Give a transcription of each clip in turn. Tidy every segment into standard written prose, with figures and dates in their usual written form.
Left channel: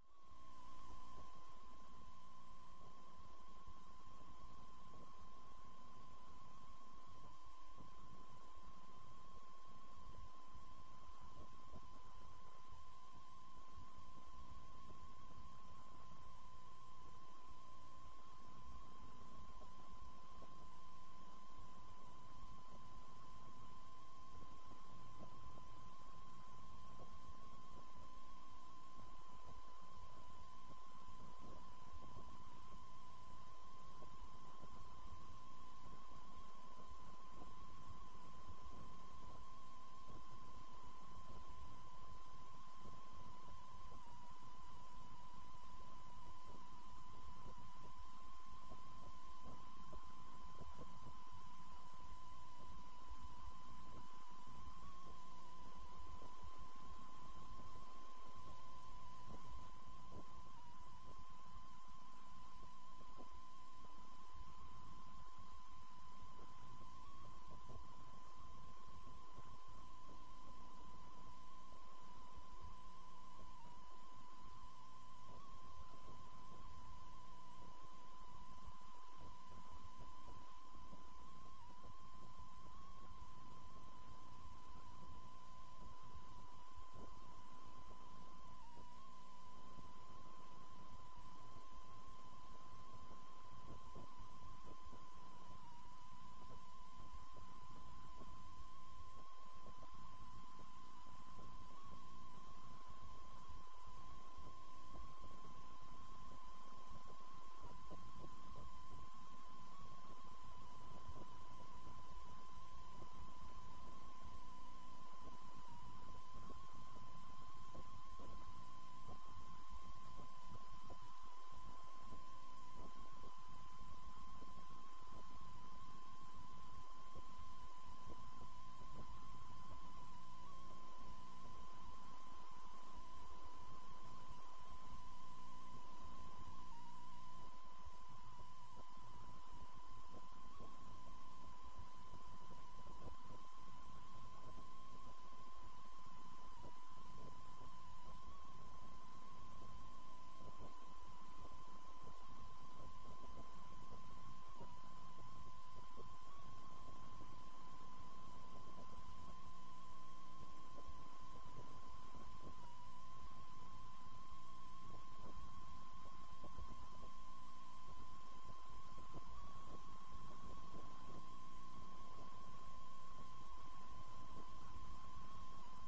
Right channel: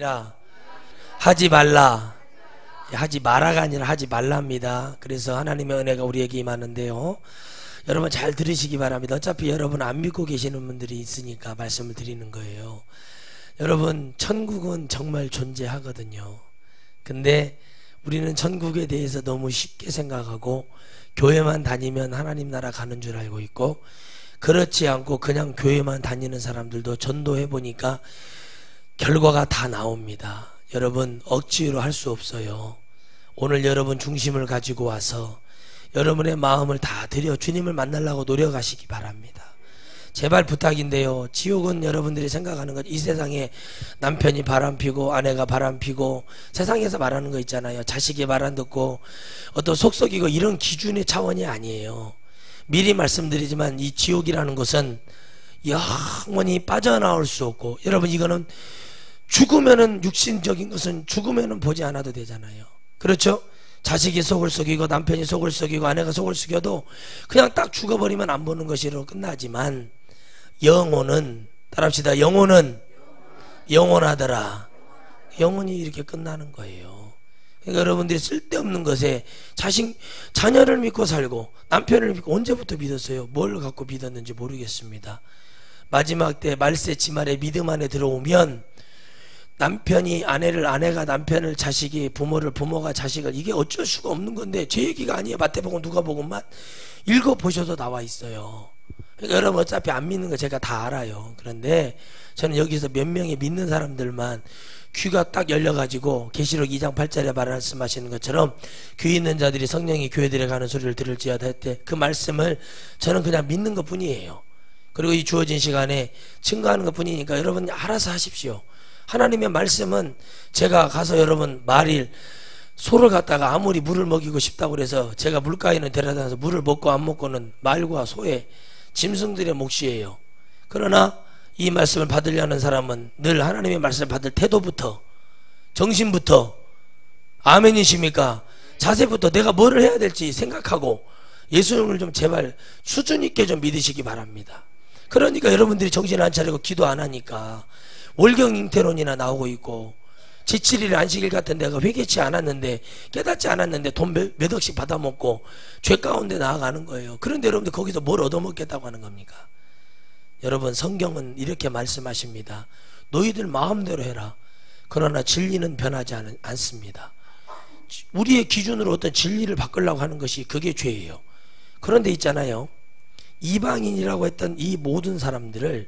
아니라 하지 말라. 하지 마라가 아니라 하지 말랍니다. 그래서 하나님의 은혜가 우리에게 임하는데요, 여러분 잘 들으시기 바랍니다. 어차피 여러분 안 믿고 계시는 분들이 있으니까 말씀을 드리는 거예요. 여러분, 천국은 정말 존재하거든요. 근데 우리는 천국에 대해서 너무 쉽게 생각하고 교회만 다니면 하나님 나라 가는 줄 알고 있고, 그렇지 않고 그냥 교회만 다니는 사람들도 전도해 보니까 결과가 다 나옵니다. 여러분, 억지로 할 수 없어요. 오늘 여러분 중심을 가지고 와서 여러분의 마음을 다 드려 주님을 만나려고 노력하시기 바랍니다. 제발 부탁인데요, 지옥은 여러분들이 생각하는 것, 이 세상에 남편이 바람피고 아내가 바람피고 세상에서 말하는 거 있잖아요. 자식이 말 안 듣고 어떤 속썩이고 이런 기준의 차원이 아니에요. 미리 말씀드리지만 이 지옥이라는 것은 영원히 빠져나올 수 없고, 여러분 이거는 죽으면은, 육신적인 것은 죽으면은 보지 않아도 되잖아요. 그렇죠? 자식이 속을 썩이고 남편이 속을 썩이고 아내가 속을 썩여도 그냥 딱 죽어버리면 안 보는 것으로 끝나지만, 영혼은, 따라합시다, 영혼은 영원하더라. 영혼이 이렇게 끝나는 거예요. 그러니까 여러분들이 쓸데없는 것에 자녀를 믿고 살고 남편을 믿고 언제부터 믿었어요? 뭘 갖고 믿었는지 모르겠습니다. 마지막 때 말세 지말에 믿음 안에 들어오면 남편이 아내를, 아내가 남편을, 자식이 부모를, 부모가 자식을, 이게 어쩔 수가 없는 건데, 제 얘기가 아니에요. 마태복음 누가복음만 읽어보셔도 나와 있어요. 그러니까 여러분 어차피 안 믿는 거 제가 다 알아요. 그런데 저는 여기서 몇 명의 믿는 사람들만 귀가 딱 열려가지고 계시록 2장 8절에 말씀하시는 것처럼 귀 있는 자들이 성령이 교회들에 가는 소리를 들을지어다 했대. 그 말씀을 저는 그냥 믿는 것 뿐이에요. 그리고 이 주어진 시간에 증거하는 것 뿐이니까 여러분 알아서 하십시오. 하나님의 말씀은, 제가 가서 여러분 말일 소를 갖다가 아무리 물을 먹이고 싶다고 그래서 제가 물가에는 데려다서 물을 먹고 안 먹고는 말과 소의, 짐승들의 몫이에요. 그러나 이 말씀을 받으려는 사람은 늘 하나님의 말씀을 받을 태도부터, 정신부터, 아멘이십니까? 자세부터 내가 뭐를 해야 될지 생각하고 예수님을 좀 제발 수준 있게 좀 믿으시기 바랍니다. 그러니까 여러분들이 정신 안 차리고 기도 안 하니까 월경 잉태론이나 나오고 있고, 제7일 안식일 같은 데가 회개치 않았는데, 깨닫지 않았는데 돈 몇 억씩 받아먹고 죄 가운데 나아가는 거예요. 그런데 여러분들 거기서 뭘 얻어먹겠다고 하는 겁니까? 여러분, 성경은 이렇게 말씀하십니다. 너희들 마음대로 해라. 그러나 진리는 변하지 않습니다. 우리의 기준으로 어떤 진리를 바꾸려고 하는 것이, 그게 죄예요. 그런데 있잖아요, 이방인이라고 했던 이 모든 사람들을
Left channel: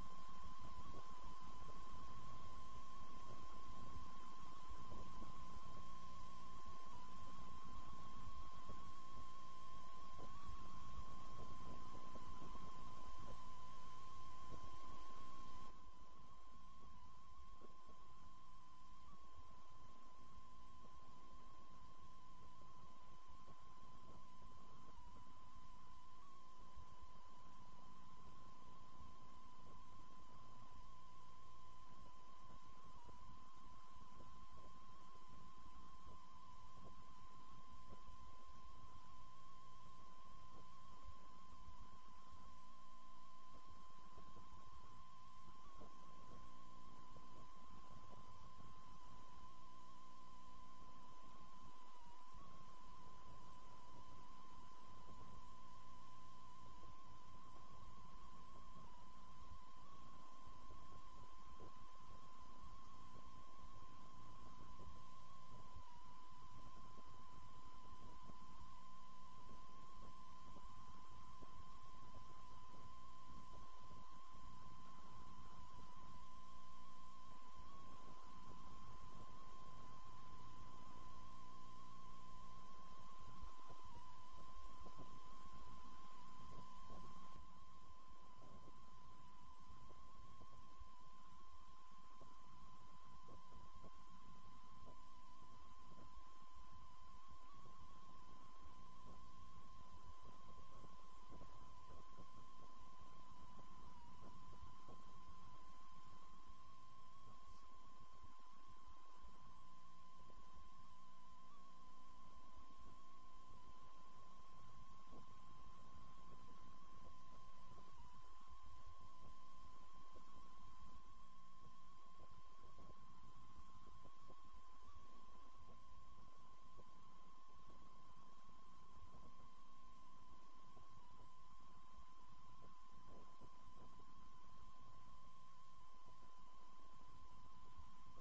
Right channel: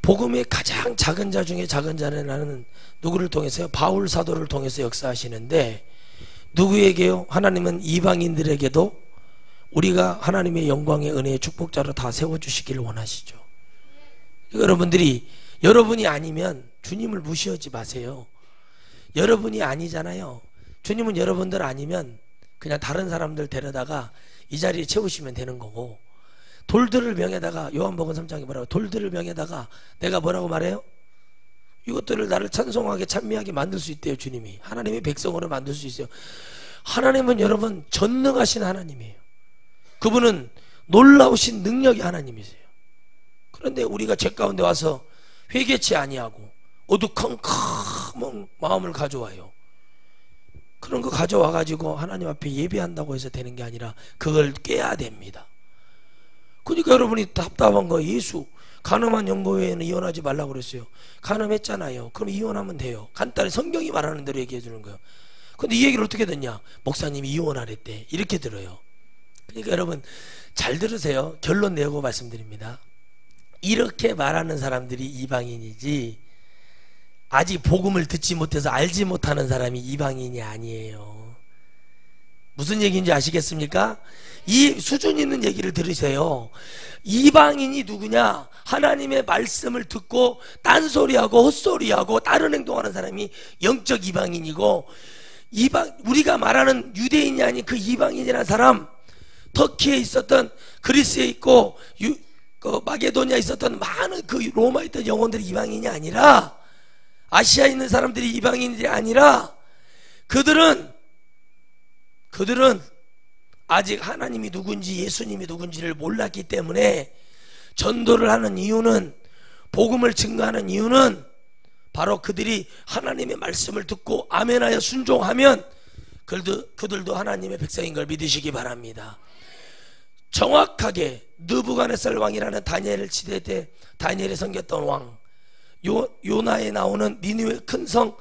복음의 가장 작은 자 중에 작은 자는 나는 누구를 통해서요? 바울 사도를 통해서 역사하시는데, 누구에게요? 하나님은 이방인들에게도 우리가 하나님의 영광의 은혜의 축복자로 다 세워주시기를 원하시죠. 여러분들이, 여러분이 아니면 주님을 무시하지 마세요. 여러분이 아니잖아요. 주님은 여러분들 아니면 그냥 다른 사람들 데려다가 이 자리에 채우시면 되는 거고, 돌들을 명에다가, 요한복음 3장에 뭐라고, 돌들을 명에다가 내가 뭐라고 말해요? 이것들을 나를 찬송하게 찬미하게 만들 수 있대요. 주님이 하나님의 백성으로 만들 수 있어요. 하나님은 여러분 전능하신 하나님이에요. 그분은 놀라우신 능력의 하나님이세요. 그런데 우리가 죄 가운데 와서 회개치 아니하고 어두컴컴한 마음을 가져와요. 그런 거 가져와 가지고 하나님 앞에 예배한다고 해서 되는 게 아니라 그걸 깨야 됩니다. 그러니까 여러분이 답답한 거, 예수 간음한 영고외에는 이혼하지 말라고 그랬어요. 간음했잖아요. 그럼 이혼하면 돼요. 간단히 성경이 말하는 대로 얘기해 주는 거예요. 근데 이 얘기를 어떻게 듣냐? 목사님이 이혼하랬대. 이렇게 들어요. 그러니까 여러분 잘 들으세요. 결론 내고 말씀드립니다. 이렇게 말하는 사람들이 이방인이지, 아직 복음을 듣지 못해서 알지 못하는 사람이 이방인이 아니에요. 무슨 얘기인지 아시겠습니까? 이 수준 있는 얘기를 들으세요. 이방인이 누구냐? 하나님의 말씀을 듣고 딴소리하고 헛소리하고 다른 행동하는 사람이 영적 이방인이고, 우리가 말하는 유대인이 아닌 그 이방인이라는 사람, 터키에 있었던, 그리스에 있고 마게도니아에 있었던 많은 그 로마에 있던 영혼들이 이방인이 아니라, 아시아에 있는 사람들이 이방인들이 아니라, 그들은 아직 하나님이 누군지 예수님이 누군지를 몰랐기 때문에 전도를 하는 이유는, 복음을 증거하는 이유는 바로 그들이 하나님의 말씀을 듣고 아멘하여 순종하면 그들도 하나님의 백성인 걸 믿으시기 바랍니다. 정확하게 느부갓네살 왕이라는 다니엘 시대 때 다니엘이 섬겼던 왕, 요나에 나오는 니느웨 큰 성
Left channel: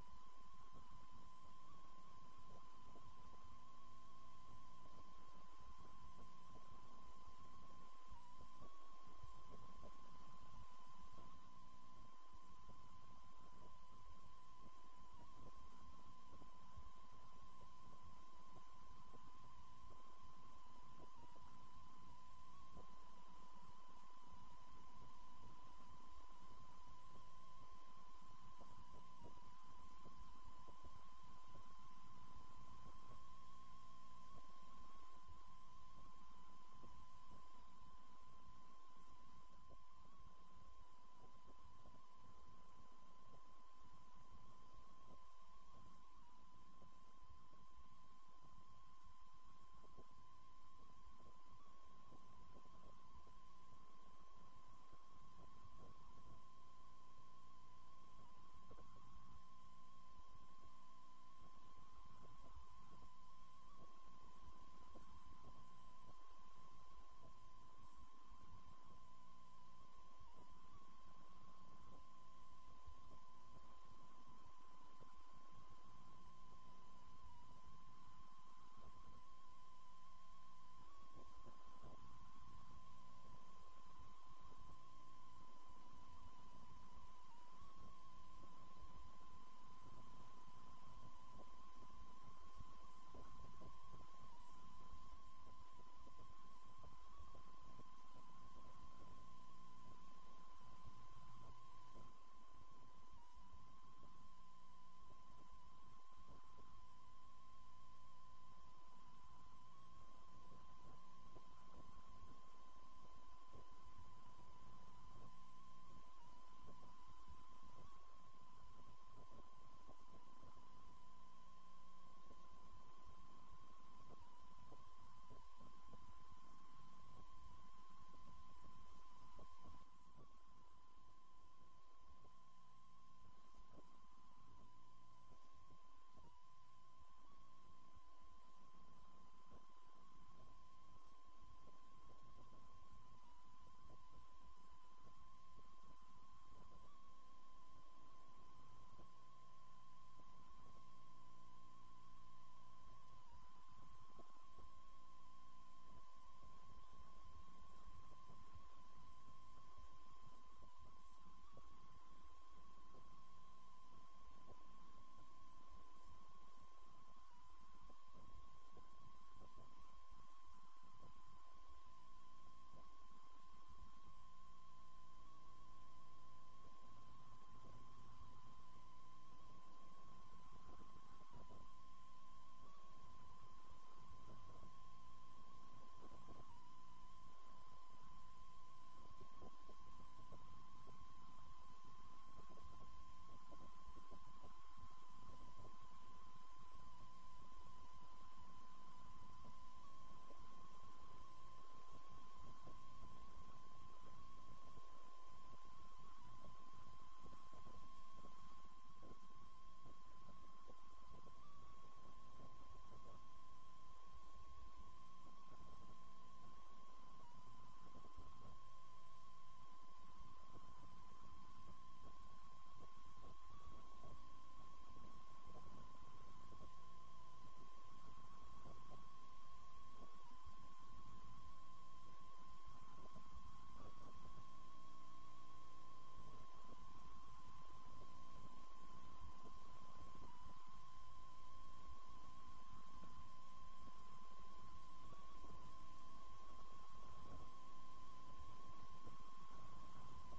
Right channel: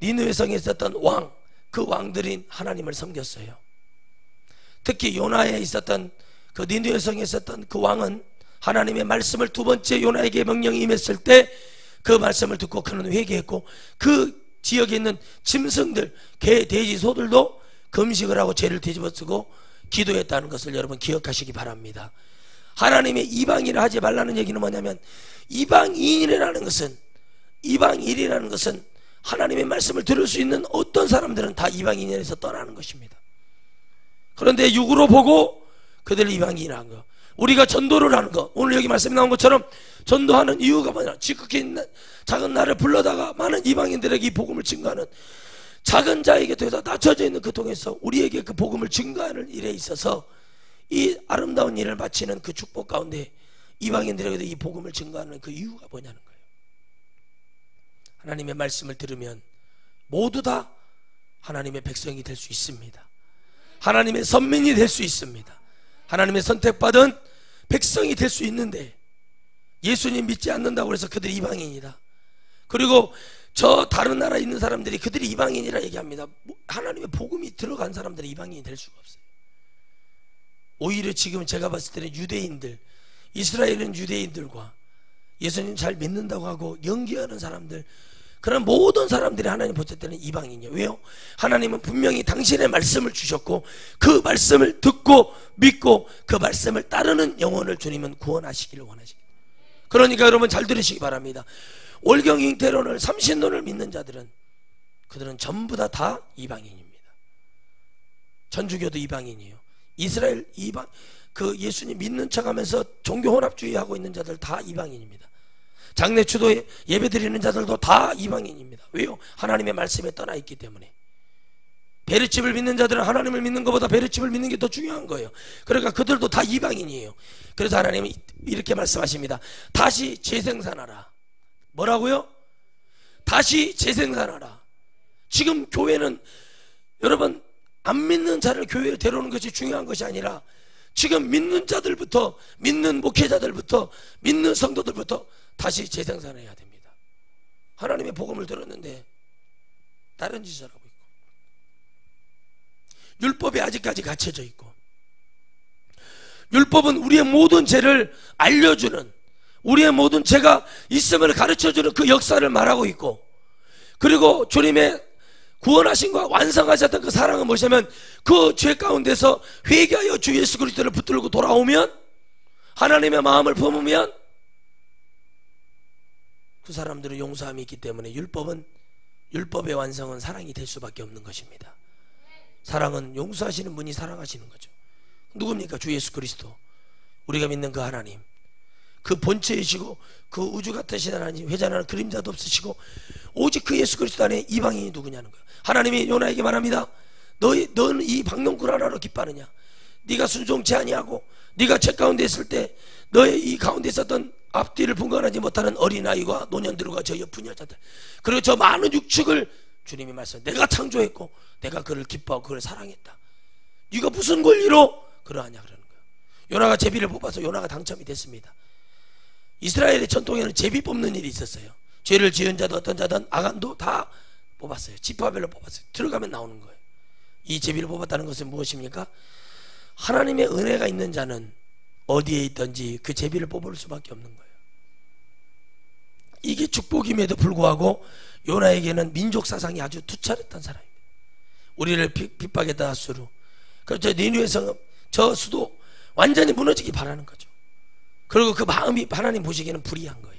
니느웨 성에 있었던 왕, 그 왕들이 하나님을 섬겼어요. 특히 요나에 있었던 그 니느웨 성에 있었던 그 왕은 하나님의 말씀을 두 번째 요나에게 명령이 임했을 때 그 말씀을 듣고 그는 회개했고, 그 지역에 있는 짐승들, 개, 돼지, 소들도 금식을 하고 죄를 뒤집어쓰고 기도했다는 것을 여러분 기억하시기 바랍니다. 하나님의 이방인을 하지 말라는 얘기는 뭐냐면, 이방인이라는 것은 하나님의 말씀을 들을 수 있는 어떤 사람들은 다 이방인에서 떠나는 것입니다. 그런데 육으로 보고 그들을 이방인이라는 거, 우리가 전도를 하는 거, 오늘 여기 말씀에 나온 것처럼 전도하는 이유가 뭐냐, 지극히 작은 나를 불러다가 많은 이방인들에게 이 복음을 증거하는, 작은 자에게 되어서 낮춰져 있는 그 통해서 우리에게 그 복음을 증거하는 일에 있어서 이 아름다운 일을 마치는 그 축복 가운데 이방인들에게도 이 복음을 증거하는 그 이유가 뭐냐는 거예요. 하나님의 말씀을 들으면 모두 다 하나님의 백성이 될 수 있습니다. 하나님의 선민이 될 수 있습니다. 하나님의 선택받은 백성이 될 수 있는데, 예수님 믿지 않는다고 해서 그들이 이방인이다, 그리고 저 다른 나라에 있는 사람들이 그들이 이방인이라 얘기합니다. 하나님의 복음이 들어간 사람들은 이방인이 될 수가 없어요. 오히려 지금 제가 봤을 때는 유대인들, 이스라엘은 유대인들과 예수님 잘 믿는다고 하고 연기하는 사람들, 그런 모든 사람들이 하나님 보실 때는 이방인이에요. 왜요? 하나님은 분명히 당신의 말씀을 주셨고 그 말씀을 듣고 믿고 그 말씀을 따르는 영혼을 주님은 구원하시기를 원하십니다. 그러니까 여러분 잘 들으시기 바랍니다. 월경 잉태론을 삼신론을 믿는 자들은 그들은 전부 다 이방인입니다. 천주교도 이방인이에요. 이스라엘 이방, 그 예수님 믿는 척하면서 종교 혼합주의하고 있는 자들 다 이방인입니다. 장례추도에 예배드리는 자들도 다 이방인입니다. 왜요? 하나님의 말씀에 떠나 있기 때문에. 베르칩을 믿는 자들은 하나님을 믿는 것보다 베르칩을 믿는 게 더 중요한 거예요. 그러니까 그들도 다 이방인이에요. 그래서 하나님은 이렇게 말씀하십니다. 다시 재생산하라. 뭐라고요? 다시 재생산하라. 지금 교회는 여러분 안 믿는 자를 교회에 데려오는 것이 중요한 것이 아니라 지금 믿는 자들부터, 믿는 목회자들부터, 믿는 성도들부터 다시 재생산해야 됩니다. 하나님의 복음을 들었는데 다른 짓을 하고 있고, 율법에 아직까지 갇혀져 있고, 율법은 우리의 모든 죄를 알려주는, 우리의 모든 죄가 있음을 가르쳐주는 그 역사를 말하고 있고, 그리고 주님의 구원하신과 완성하셨던 그 사랑은 무엇이냐면 그 죄 가운데서 회개하여 주 예수 그리스도를 붙들고 돌아오면, 하나님의 마음을 품으면 그 사람들은 용서함이 있기 때문에 율법의 완성은 사랑이 될 수밖에 없는 것입니다. 사랑은 용서하시는 분이 사랑하시는 거죠. 누굽니까? 주 예수 그리스도, 우리가 믿는 그 하나님, 그 본체이시고 그 우주 같으신 하나님, 회전하는 그림자도 없으시고 오직 그 예수 그리스도 안에 이방인이 누구냐는 거예요. 하나님이 요나에게 말합니다. 너는 이 박농굴 하나로 기뻐하느냐? 네가 순종치 아니하고 네가 죄 가운데 있을 때 너의 이 가운데 있었던 앞뒤를 분간하지 못하는 어린아이와 노년들과 저 옆은 여자들, 그리고 저 많은 육축을 주님이 말씀, 내가 창조했고 내가 그를 기뻐하고 그를 사랑했다. 네가 무슨 권리로 그러하냐 그러는 거예요. 요나가 제비를 뽑아서 요나가 당첨이 됐습니다. 이스라엘의 전통에는 제비 뽑는 일이 있었어요. 죄를 지은 자도 어떤 자든 아간도 다 뽑았어요. 지파별로 뽑았어요. 들어가면 나오는 거예요. 이 제비를 뽑았다는 것은 무엇입니까? 하나님의 은혜가 있는 자는 어디에 있든지 그 제비를 뽑을 수밖에 없는 거예요. 이게 축복임에도 불구하고 요나에게는 민족 사상이 아주 투철했던 사람입니다. 우리를 핍박했던 아수르, 그렇죠. 니느웨 성, 저 수도 완전히 무너지기 바라는 거죠. 그리고 그 마음이 하나님 보시기에는 불의한 거예요.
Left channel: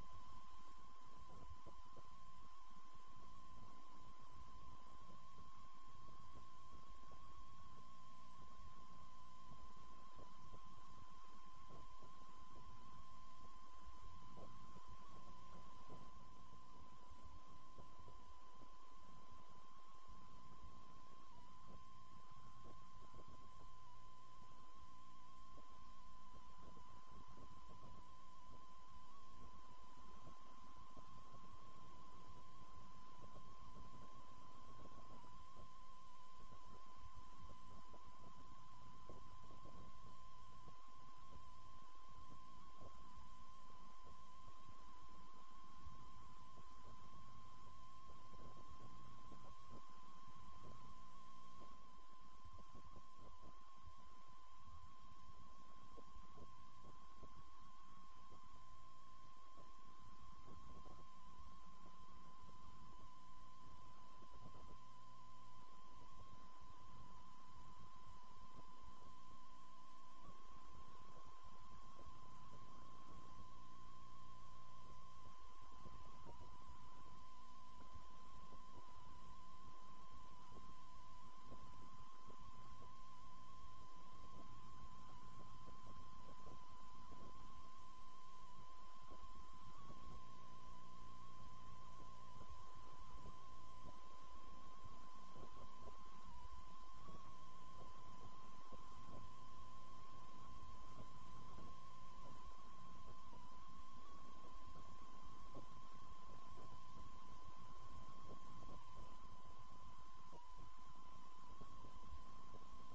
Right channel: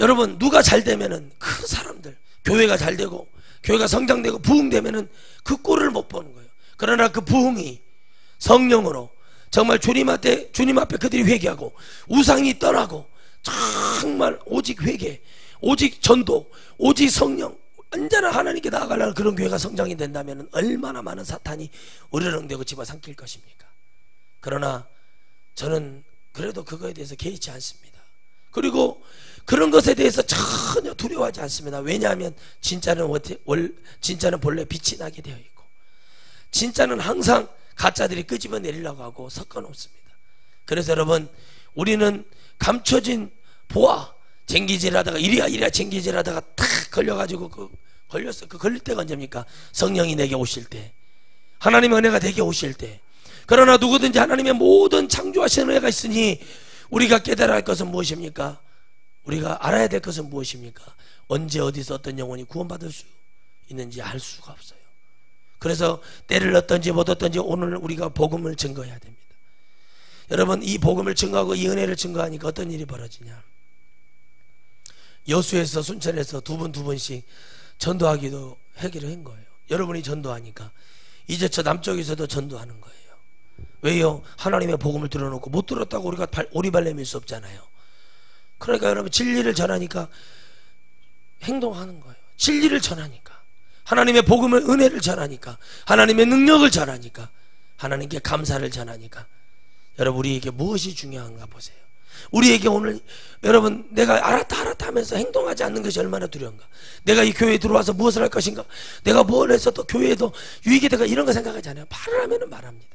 여러분, 누가 잘 되면은 그 사람들, 교회가 잘 되고 교회가 성장되고 부흥되면은 그 꼴을 못 보는 거예요. 그러나 그 부흥이 성령으로 정말 주님 앞에 그들이 회개하고 우상이 떠나고 정말 오직 회개, 오직 전도, 오직 성령, 언제나 하나님께 나아가려는 그런 교회가 성장이 된다면 얼마나 많은 사탄이 으르렁대고 집어삼킬 것입니까? 그러나 저는 그래도 그거에 대해서 개의치 않습니다. 그리고 그런 것에 대해서 전혀 두려워하지 않습니다. 왜냐하면 진짜는 본래 빛이 나게 되어 있고, 진짜는 항상 가짜들이 끄집어내리려고 하고 섞어놓습니다. 그래서 여러분, 우리는 감춰진 보아, 쟁기질하다가 이리야 쟁기질하다가 탁 걸려가지고 걸렸어. 그 걸릴 때가 언제입니까? 성령이 내게 오실 때, 하나님의 은혜가 내게 오실 때. 그러나 누구든지 하나님의 모든 창조하신 은혜가 있으니 우리가 깨달아야 할 것은 무엇입니까? 우리가 알아야 될 것은 무엇입니까? 언제 어디서 어떤 영혼이 구원받을 수 있는지 알 수가 없어요. 그래서 때를 얻든지 못 얻든지 오늘 우리가 복음을 증거해야 됩니다. 여러분, 이 복음을 증거하고 이 은혜를 증거하니까 어떤 일이 벌어지냐? 여수에서 순천에서 두 분씩 전도하기도 하기로 한 거예요. 여러분이 전도하니까 이제 저 남쪽에서도 전도하는 거예요. 왜요? 하나님의 복음을 들어놓고 못 들었다고 우리가 오리발 내밀 수 없잖아요. 그러니까 여러분, 진리를 전하니까 행동하는 거예요. 진리를 전하니까, 하나님의 복음을, 은혜를 전하니까, 하나님의 능력을 전하니까, 하나님께 감사를 전하니까. 여러분, 우리에게 무엇이 중요한가 보세요. 우리에게 오늘 여러분, 내가 알았다 하면서 행동하지 않는 것이 얼마나 두려운가. 내가 이 교회에 들어와서 무엇을 할 것인가, 내가 뭘 해서 또 교회에도 유익이 될까, 이런 거 생각하지 않아요. 말을 하면은 말합니다.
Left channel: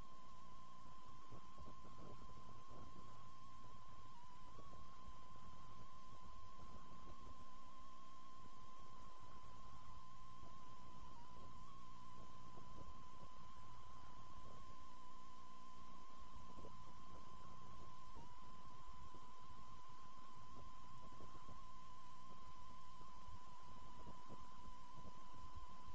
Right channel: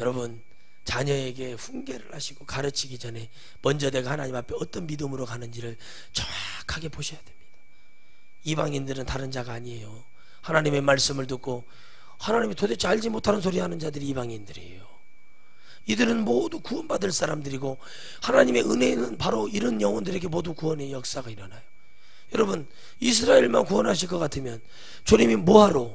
여러분, 자녀에게 훈계를 하시고 가르치기 전에 먼저 내가 하나님 앞에 어떤 믿음으로 가는지를 정확하게 보셔야 됩니다. 이방인들은 다른 자가 아니에요. 하나님의 말씀을 듣고 하나님이 도대체 알지 못하는 소리 하는 자들이 이방인들이에요. 이들은 모두 구원받을 사람들이고, 하나님의 은혜는 바로 이런 영혼들에게 모두 구원의 역사가 일어나요. 여러분, 이스라엘만 구원하실 것 같으면 주님이 뭐하러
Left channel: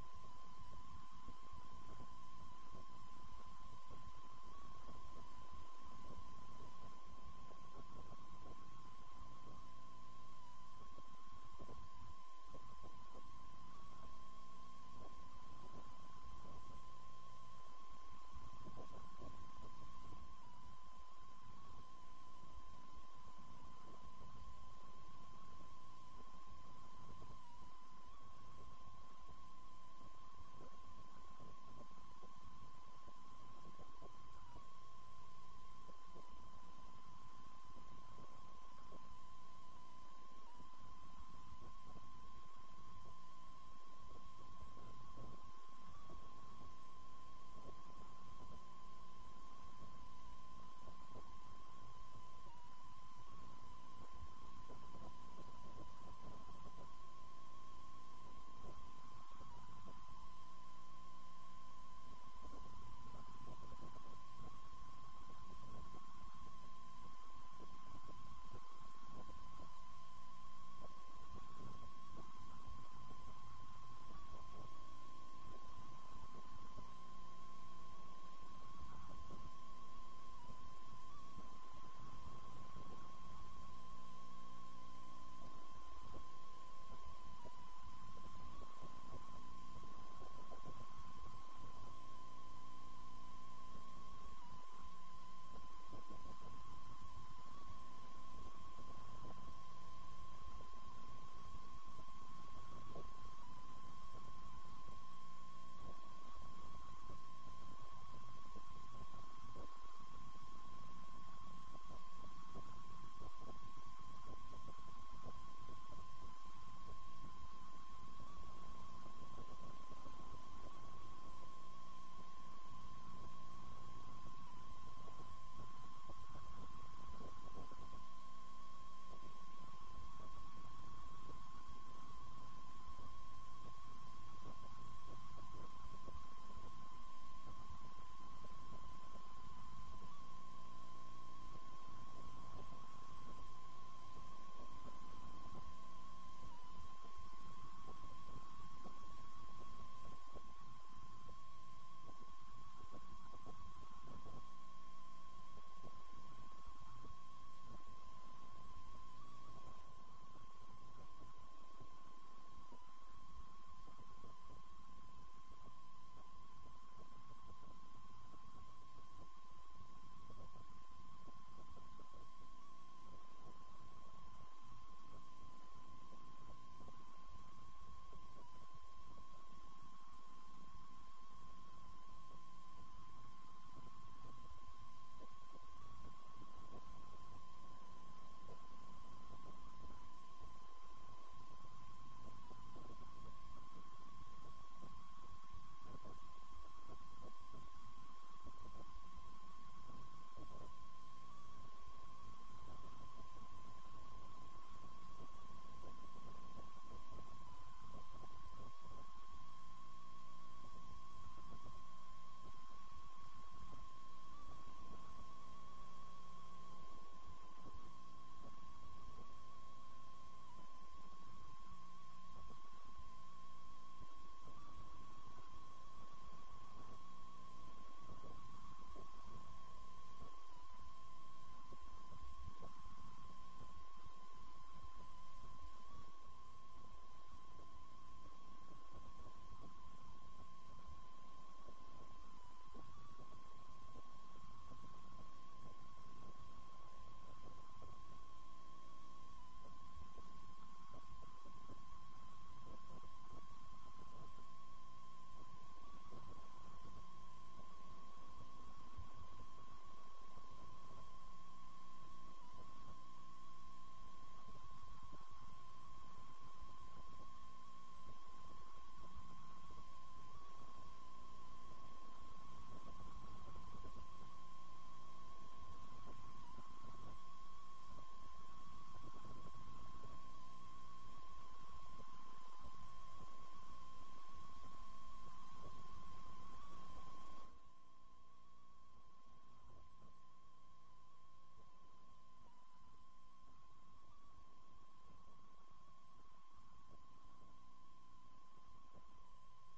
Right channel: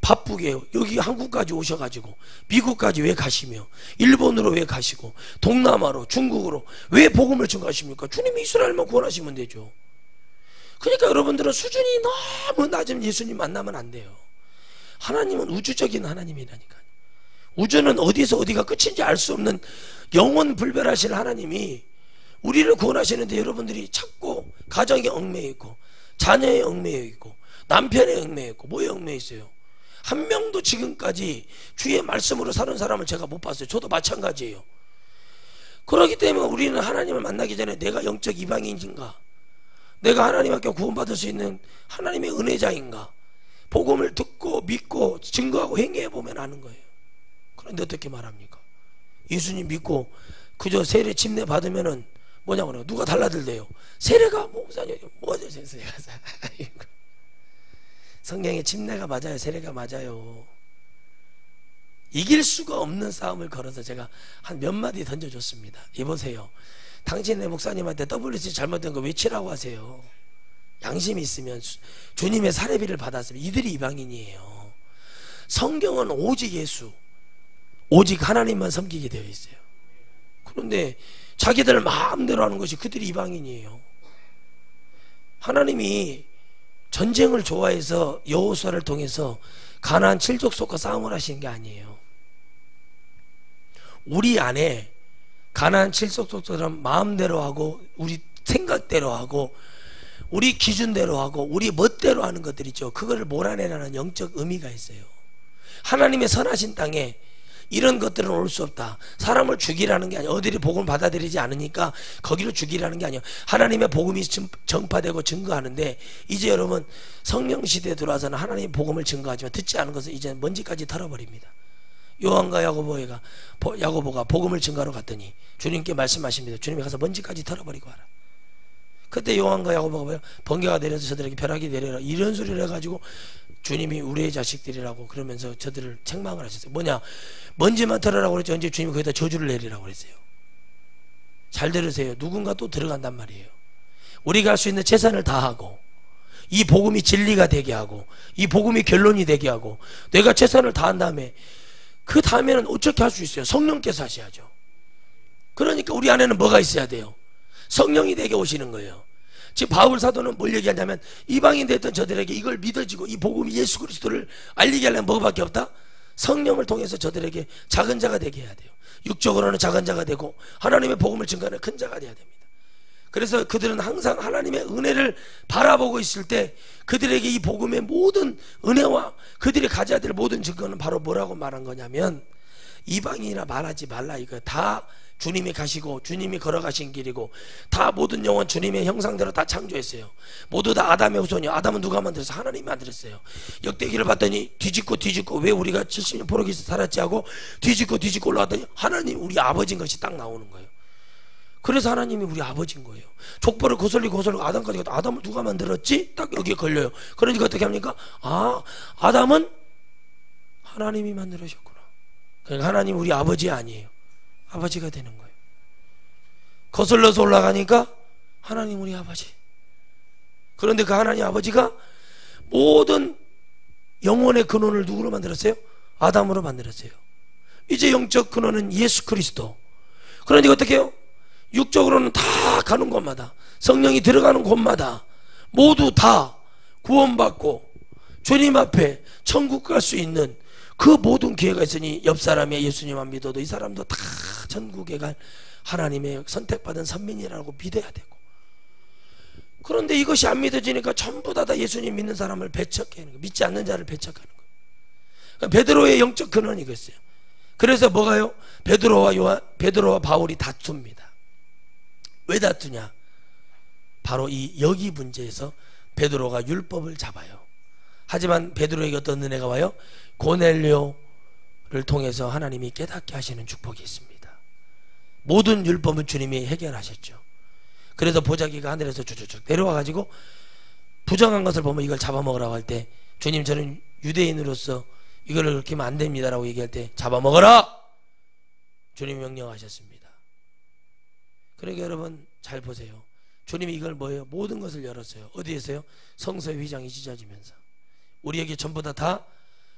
바쁘게 여기 한국까지 오셔가지고 미국까지 왜 가시며, 일본으로 왜 가시고, 동남아로, 중국으로 왜 복음을 증거하십니까? 주님이 이스라엘만 구원하시면 되죠. 그러니까 여러분들은 수준이 너무 낮은 예수님 만나면 안 돼요. 하나님은 우주적인 하나님이라니까요. 우주는 어디서 어디가 끝인지 알 수 없는 영원 불별하신 하나님이 우리를 구원하시는데, 여러분들이 찾고 가정에 얽매여 있고, 자녀에 얽매여 있고, 남편에 얽매여 있고, 뭐에 얽매여 있어요? 한 명도 지금까지 주의 말씀으로 사는 사람을 제가 못 봤어요. 저도 마찬가지예요. 그렇기 때문에 우리는 하나님을 만나기 전에 내가 영적 이방인인가, 내가 하나님 앞에 구원받을 수 있는 하나님의 은혜자인가, 복음을 듣고 믿고 증거하고 행해보면 아는 거예요. 그런데 어떻게 말합니까? 예수님 믿고 그저 세례 침례 받으면은 뭐냐고 그래요? 누가 달라들대요? 세례가 뭐죠? 성경에 침례가 맞아요, 세례가 맞아요. 이길 수가 없는 싸움을 걸어서 제가 한 몇 마디 던져줬습니다. 이보세요, 당신의 목사님한테 WC 잘못된 거 외치라고 하세요. 양심이 있으면 주님의 사례비를 받았으면. 이들이 이방인이에요. 성경은 오직 예수, 오직 하나님만 섬기게 되어 있어요. 그런데 자기들 마음대로 하는 것이 그들이 이방인이에요. 하나님이 전쟁을 좋아해서 여호수아를 통해서 가나안 7족속과 싸움을 하시는 게 아니에요. 우리 안에 가나안 7족속처럼 마음대로 하고, 우리 생각대로 하고, 우리 기준대로 하고, 우리 멋대로 하는 것들 있죠. 그거를 몰아내라는 영적 의미가 있어요. 하나님의 선하신 땅에 이런 것들은 올 수 없다. 사람을 죽이라는 게 아니야. 어디를 복음을 받아들이지 않으니까 거기로 죽이라는 게 아니야. 하나님의 복음이 전파되고 증거하는데, 이제 여러분 성령 시대에 들어와서는 하나님의 복음을 증거하지만 듣지 않은 것은 이제 먼지까지 털어버립니다. 요한과 야고보가 복음을 증거하러 갔더니 주님께 말씀하십니다. 주님이 가서 먼지까지 털어버리고 와라. 그때 요한과 야고보가 뭐예요? 번개가 내려서 저들에게 벼락이 내려라, 이런 소리를 해가지고 주님이 우리의 자식들이라고 그러면서 저들을 책망을 하셨어요. 뭐냐? 먼지만 털으라고 그랬죠. 언제 주님이 거기다 저주를 내리라고 그랬어요. 잘 들으세요. 누군가 또 들어간단 말이에요. 우리가 할 수 있는 최선을 다하고, 이 복음이 진리가 되게 하고, 이 복음이 결론이 되게 하고, 내가 최선을 다한 다음에 그 다음에는 어떻게 할 수 있어요? 성령께서 하셔야죠. 그러니까 우리 안에는 뭐가 있어야 돼요? 성령이 내게 오시는 거예요. 지금 바울 사도는 뭘 얘기하냐면, 이방인 됐던 저들에게 이걸 믿어지고 이 복음이 예수 그리스도를 알리게 하려면 뭐밖에 없다? 성령을 통해서 저들에게 작은 자가 되게 해야 돼요. 육적으로는 작은 자가 되고 하나님의 복음을 증거하는 큰 자가 되어야 됩니다. 그래서 그들은 항상 하나님의 은혜를 바라보고 있을 때 그들에게 이 복음의 모든 은혜와 그들이 가져야 될 모든 증거는 바로 뭐라고 말한 거냐면, 이방인이라 말하지 말라, 이거 다 주님이 가시고 주님이 걸어가신 길이고, 다 모든 영혼 주님의 형상대로 다 창조했어요. 모두 다 아담의 후손이요. 아담은 누가 만들었어요? 하나님이 만들었어요. 역대기를 봤더니 뒤집고 왜 우리가 70년 포로기에서 살았지 하고 뒤집고 올라왔더니 하나님 우리 아버지인 것이 딱 나오는 거예요. 그래서 하나님이 우리 아버지인 거예요. 족보를 거슬리고 아담까지 가도 아담을 누가 만들었지? 딱 여기에 걸려요. 그러니까 어떻게 합니까? 아, 아담은 하나님이 만들으셨구나. 그러니까 하나님 우리 아버지 아니에요. 아버지가 되는 거예요. 거슬러서 올라가니까 하나님 우리 아버지. 그런데 그 하나님 아버지가 모든 영혼의 근원을 누구로 만들었어요? 아담으로 만들었어요. 이제 영적 근원은 예수 그리스도. 그러니까 어떻게 해요? 육적으로는 다 가는 곳마다, 성령이 들어가는 곳마다 모두 다 구원받고 주님 앞에 천국 갈 수 있는 그 모든 기회가 있으니, 옆 사람의 예수님만 믿어도 이 사람도 다 천국에 갈 하나님의 선택받은 선민이라고 믿어야 되고, 그런데 이것이 안 믿어지니까 전부 다 예수님 믿는 사람을 배척하는 거예요. 믿지 않는 자를 배척하는 거예요. 그러니까 베드로의 영적 근원이 이거였어요. 그래서 뭐가요? 베드로와 바울이 다툽니다. 왜 다투냐? 바로 이 여기 문제에서 베드로가 율법을 잡아요. 하지만 베드로에게 어떤 은혜가 와요? 고넬료를 통해서 하나님이 깨닫게 하시는 축복이 있습니다. 모든 율법은 주님이 해결하셨죠. 그래서 보자기가 하늘에서 쭉쭉쭉 내려와 가지고 부정한 것을 보면 이걸 잡아먹으라고 할 때, 주님 저는 유대인으로서 이거를 그렇게 하면 안 됩니다 라고 얘기할 때 잡아먹어라! 주님이 명령하셨습니다. 그러니까 여러분 잘 보세요. 주님이 이걸 뭐예요? 모든 것을 열었어요. 어디에서요? 성서의 휘장이 찢어지면서 우리에게 전부 다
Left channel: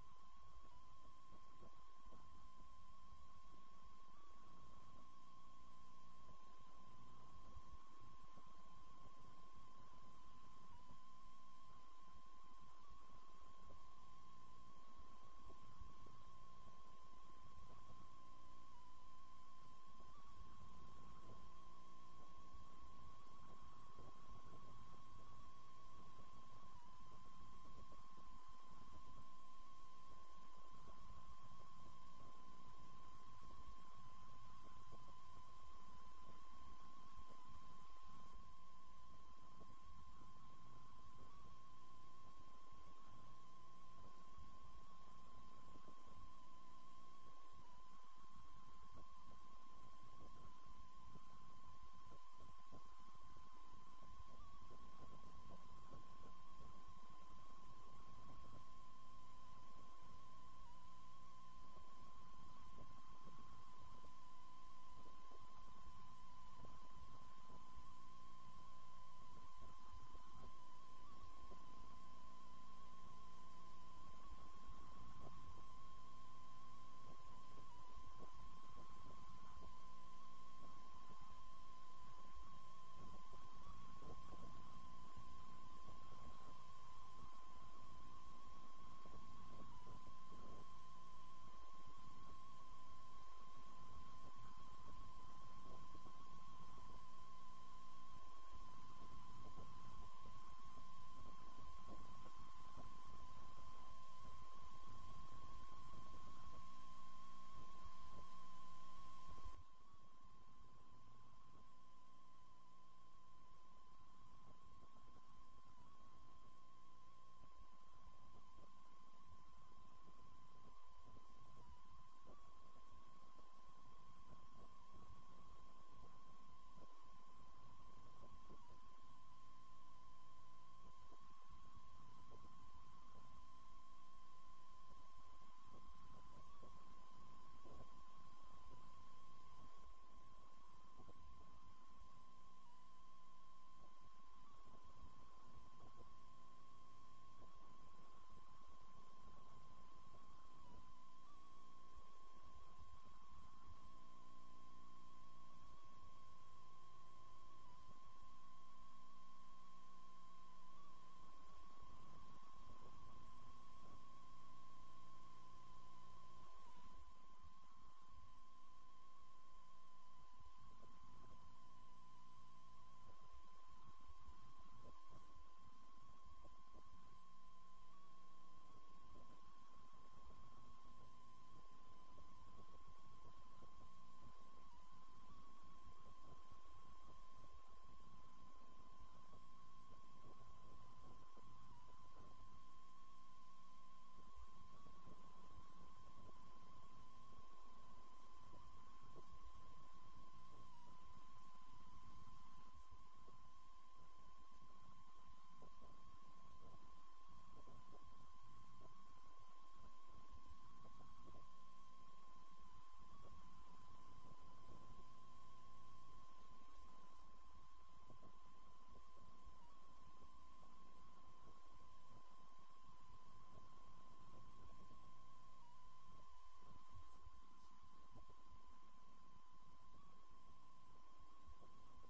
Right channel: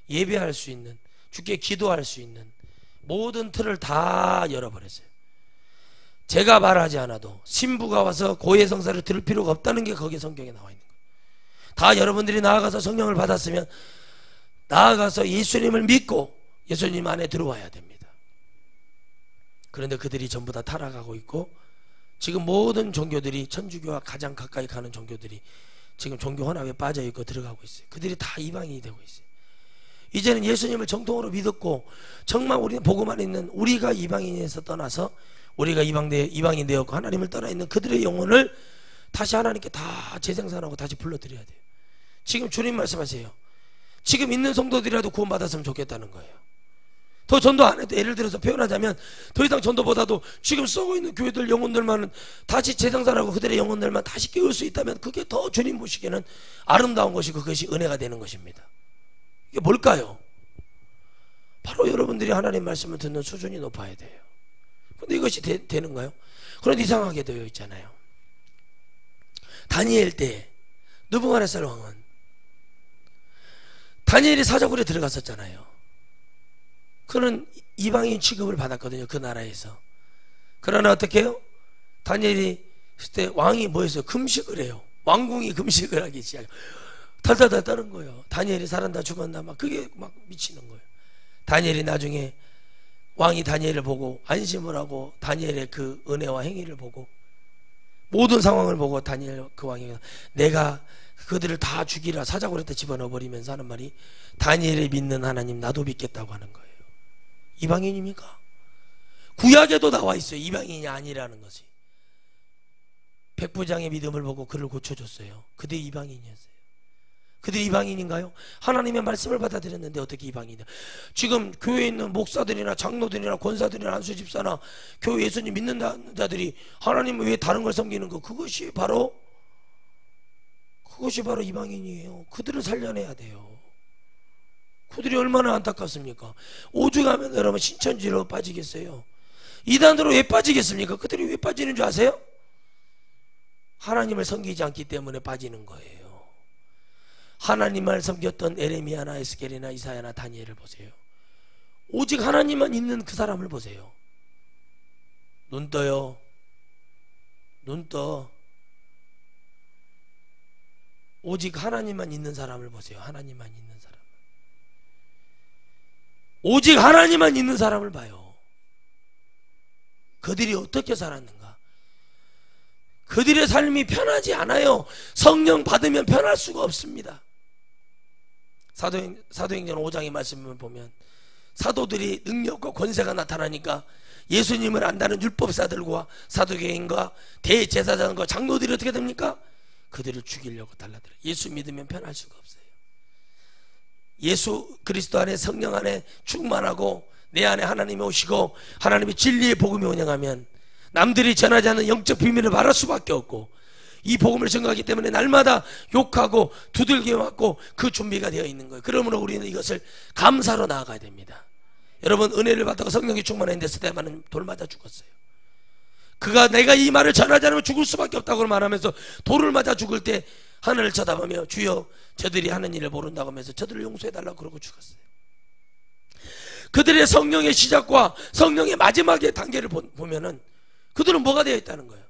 예배할 수 있는, 주께 기도할 수 있는 모든 틀을 다 열어버렸어요. 제가 말하지 않아도 신부가 와서 고해 성사를 들을 필요가 없다는 게 거기에 성경에 나와 있는 거예요. 다 여러분들이 나아가서 성령을 받았으면 나아가서 예수님을 믿고 예수님 안에 들어와야 됩니다. 그런데 그들이 전부 다 타락하고 있고, 지금 모든 종교들이, 천주교와 가장 가까이 가는 종교들이 지금 종교 혼합에 빠져 있고 들어가고 있어요. 그들이 다 이방인이 되고 있어요. 이제는 예수님을 정통으로 믿었고 정말 우리는 복음만 있는 우리가 이방인에서 떠나서 우리가 이방인 되었고 하나님을 떠나 있는 그들의 영혼을 다시 하나님께 다 재생산하고 다시 불러드려야 돼요. 지금 주님 말씀하세요. 지금 있는 성도들이라도 구원받았으면 좋겠다는 거예요. 더 전도 안 해도, 예를 들어서 표현하자면 더 이상 전도보다도 지금 썩어 있는 교회들 영혼들만은 다시 재생산하고 그들의 영혼들만 다시 깨울 수 있다면 그게 더 주님 보시기에는 아름다운 것이고 그것이 은혜가 되는 것입니다. 이게 뭘까요? 바로 여러분들이 하나님 말씀을 듣는 수준이 높아야 돼요. 근데 이것이 되는가요? 그런데 이상하게 되어 있잖아요. 다니엘 때 느부갓네살 왕은 다니엘이 사자굴에 들어갔었잖아요. 그는 이방인 취급을 받았거든요, 그 나라에서. 그러나 어떻게 해요? 다니엘이 그때 왕이 뭐였어요? 금식을 해요. 왕궁이 금식을 하기 시작해요. 달달달 떠는 거예요. 다니엘이 살았나 죽었나 막 그게 막 미치는 거예요. 다니엘이 나중에 왕이 다니엘을 보고 안심을 하고 다니엘의 그 은혜와 행위를 보고 모든 상황을 보고 다니엘 그 왕이 내가 그들을 다 죽이라 사자굴에 집어넣어 버리면서 하는 말이, 다니엘이 믿는 하나님 나도 믿겠다고 하는 거예요. 이방인입니까? 구약에도 나와 있어요. 이방인이 아니라는 것이. 백부장의 믿음을 보고 그를 고쳐줬어요. 그들이 이방인이었어요. 그들이 이방인인가요? 하나님의 말씀을 받아들였는데 어떻게 이방인이냐? 지금 교회에 있는 목사들이나 장로들이나 권사들이나 한수 집사나 교회 예수님 믿는 자들이 하나님을 왜 다른 걸 섬기는 거, 그것이 바로 이방인이에요. 그들을 살려내야 돼요. 그들이 얼마나 안타깝습니까? 오죽하면 여러분 신천지로 빠지겠어요? 이단으로 왜 빠지겠습니까? 그들이 왜 빠지는 줄 아세요? 하나님을 섬기지 않기 때문에 빠지는 거예요. 하나님을 섬겼던 에레미야나 에스겔이나 이사야나 다니엘을 보세요. 오직 하나님만 있는 그 사람을 보세요. 눈 떠요. 눈 떠. 오직 하나님만 있는 사람을 보세요. 하나님만 있는 사람. 오직 하나님만 있는 사람을 봐요. 그들이 어떻게 살았는가? 그들의 삶이 편하지 않아요. 성령 받으면 편할 수가 없습니다. 사도행전 5장의 말씀을 보면 사도들이 능력과 권세가 나타나니까 예수님을 안다는 율법사들과 사두개인과 대제사장과 장로들이 어떻게 됩니까? 그들을 죽이려고 달라들어요. 예수 믿으면 편할 수가 없어요. 예수 그리스도 안에 성령 안에 충만하고 내 안에 하나님이 오시고 하나님의 진리의 복음이 운영하면 남들이 전하지 않는 영적 비밀을 말할 수밖에 없고, 이 복음을 전가하기 때문에 날마다 욕하고 두들겨 맞고 그 준비가 되어 있는 거예요. 그러므로 우리는 이것을 감사로 나아가야 됩니다. 여러분, 은혜를 받다가 성령이 충만했는데 스데반은 돌 맞아 죽었어요. 그가 내가 이 말을 전하지 않으면 죽을 수밖에 없다고 말하면서 돌을 맞아 죽을 때 하늘을 쳐다보며 주여 저들이 하는 일을 모른다고 하면서 저들을 용서해달라고 그러고 죽었어요. 그들의 성령의 시작과 성령의 마지막의 단계를 보면은 그들은 뭐가 되어 있다는 거예요?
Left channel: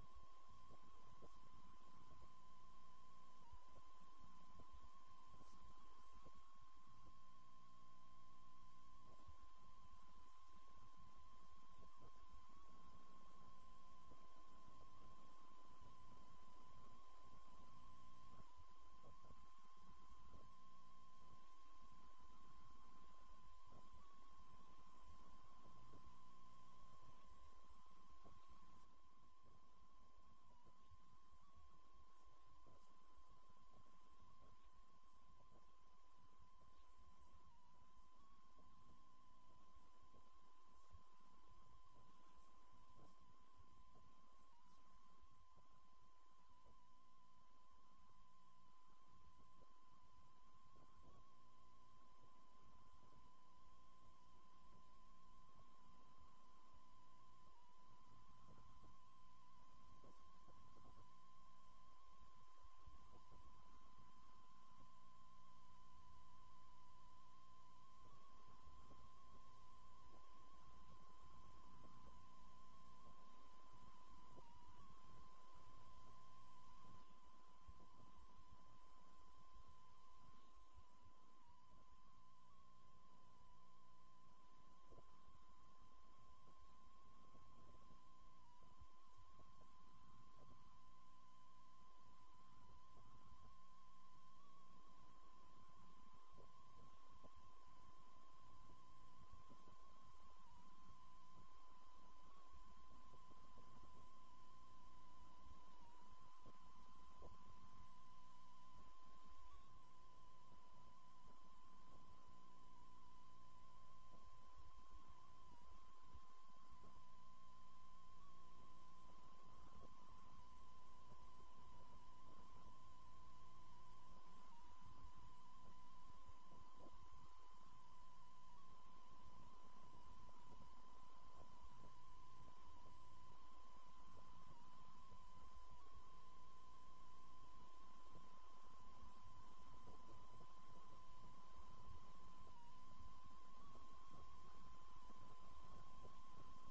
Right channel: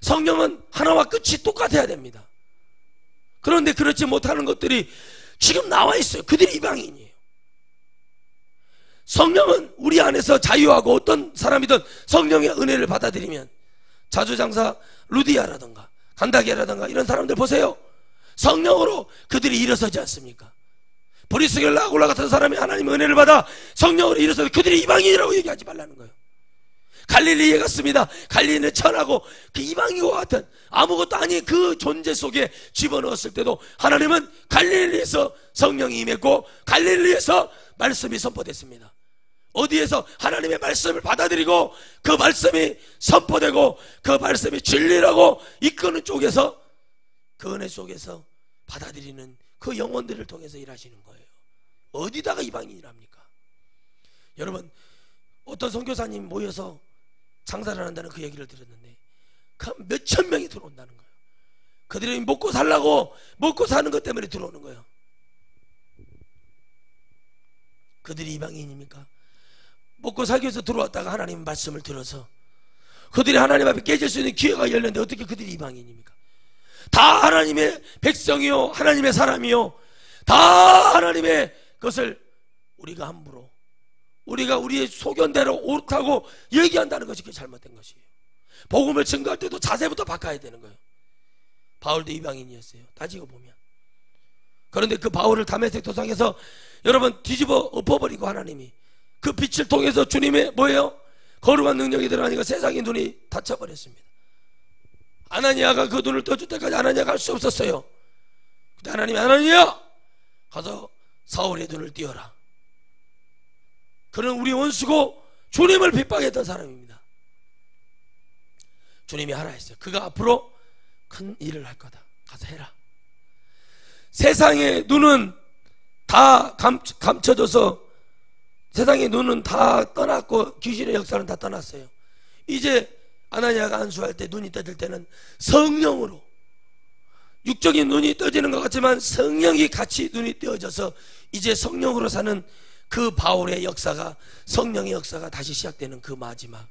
성령은 하나와 끝이 똑같아야 됩니다. 그런데 그렇지 못하는 것들이 지금 나와 있어요. 그들이 이방인이에요. 성령은 우리 안에서 자유하고, 어떤 사람이든 성령의 은혜를 받아들이면, 자주장사 루디아라든가 간다게라든가 이런 사람들 보세요. 성령으로 그들이 일어서지 않습니까? 브리스겔라 아굴라 같은 사람이 하나님의 은혜를 받아 성령으로 일어서서 그들이 이방인이라고 얘기하지 말라는 거예요. 갈릴리에 갔습니다. 갈릴리는 천하고 그 이방인과 같은 아무것도 아닌 그 존재 속에 집어넣었을 때도 하나님은 갈릴리에서 성령이 임했고 갈릴리에서 말씀이 선포됐습니다. 어디에서 하나님의 말씀을 받아들이고 그 말씀이 선포되고 그 말씀이 진리라고 이끄는 쪽에서, 그 은혜 속에서 받아들이는 그 영혼들을 통해서 일하시는 거예요. 어디다가 이방인이랍니까? 여러분, 어떤 선교사님 모여서 장사를 한다는 그 얘기를 들었는데 몇천 명이 들어온다는 거예요. 그들이 먹고 살라고, 먹고 사는 것 때문에 들어오는 거예요. 그들이 이방인입니까? 먹고 살기 위해서 들어왔다가 하나님 말씀을 들어서 그들이 하나님 앞에 깨질 수 있는 기회가 열렸는데 어떻게 그들이 이방인입니까? 다 하나님의 백성이요, 하나님의 사람이요, 다 하나님의 것을 우리가 함부로, 우리가 우리의 소견대로 옳다고 얘기한다는 것이 그게 잘못된 것이에요. 복음을 증거할 때도 자세부터 바꿔야 되는 거예요. 바울도 이방인이었어요, 따지고 보면. 그런데 그 바울을 다메섹 도상에서 여러분 뒤집어 엎어버리고 하나님이 그 빛을 통해서 주님의 뭐예요? 거룩한 능력이 들어가니까 세상의 눈이 닫혀버렸습니다. 아나니아가 그 눈을 떠줄 때까지 아나니아가 할 수 없었어요. 근데 하나님이 아나니아 가서 사울의 눈을 띄어라. 그는 우리 원수고 주님을 핍박했던 사람입니다. 주님이 하라 했어요. 그가 앞으로 큰 일을 할 거다. 가서 해라. 세상의 눈은 다 감춰져서 세상의 눈은 다 떠났고 귀신의 역사는 다 떠났어요. 이제 아나니아가 안수할 때, 눈이 떠질 때는 성령으로, 육적인 눈이 떠지는 것 같지만 성령이 같이 눈이 띄어져서 이제 성령으로 사는 그 바울의 역사가, 성령의 역사가 다시 시작되는 그 마지막,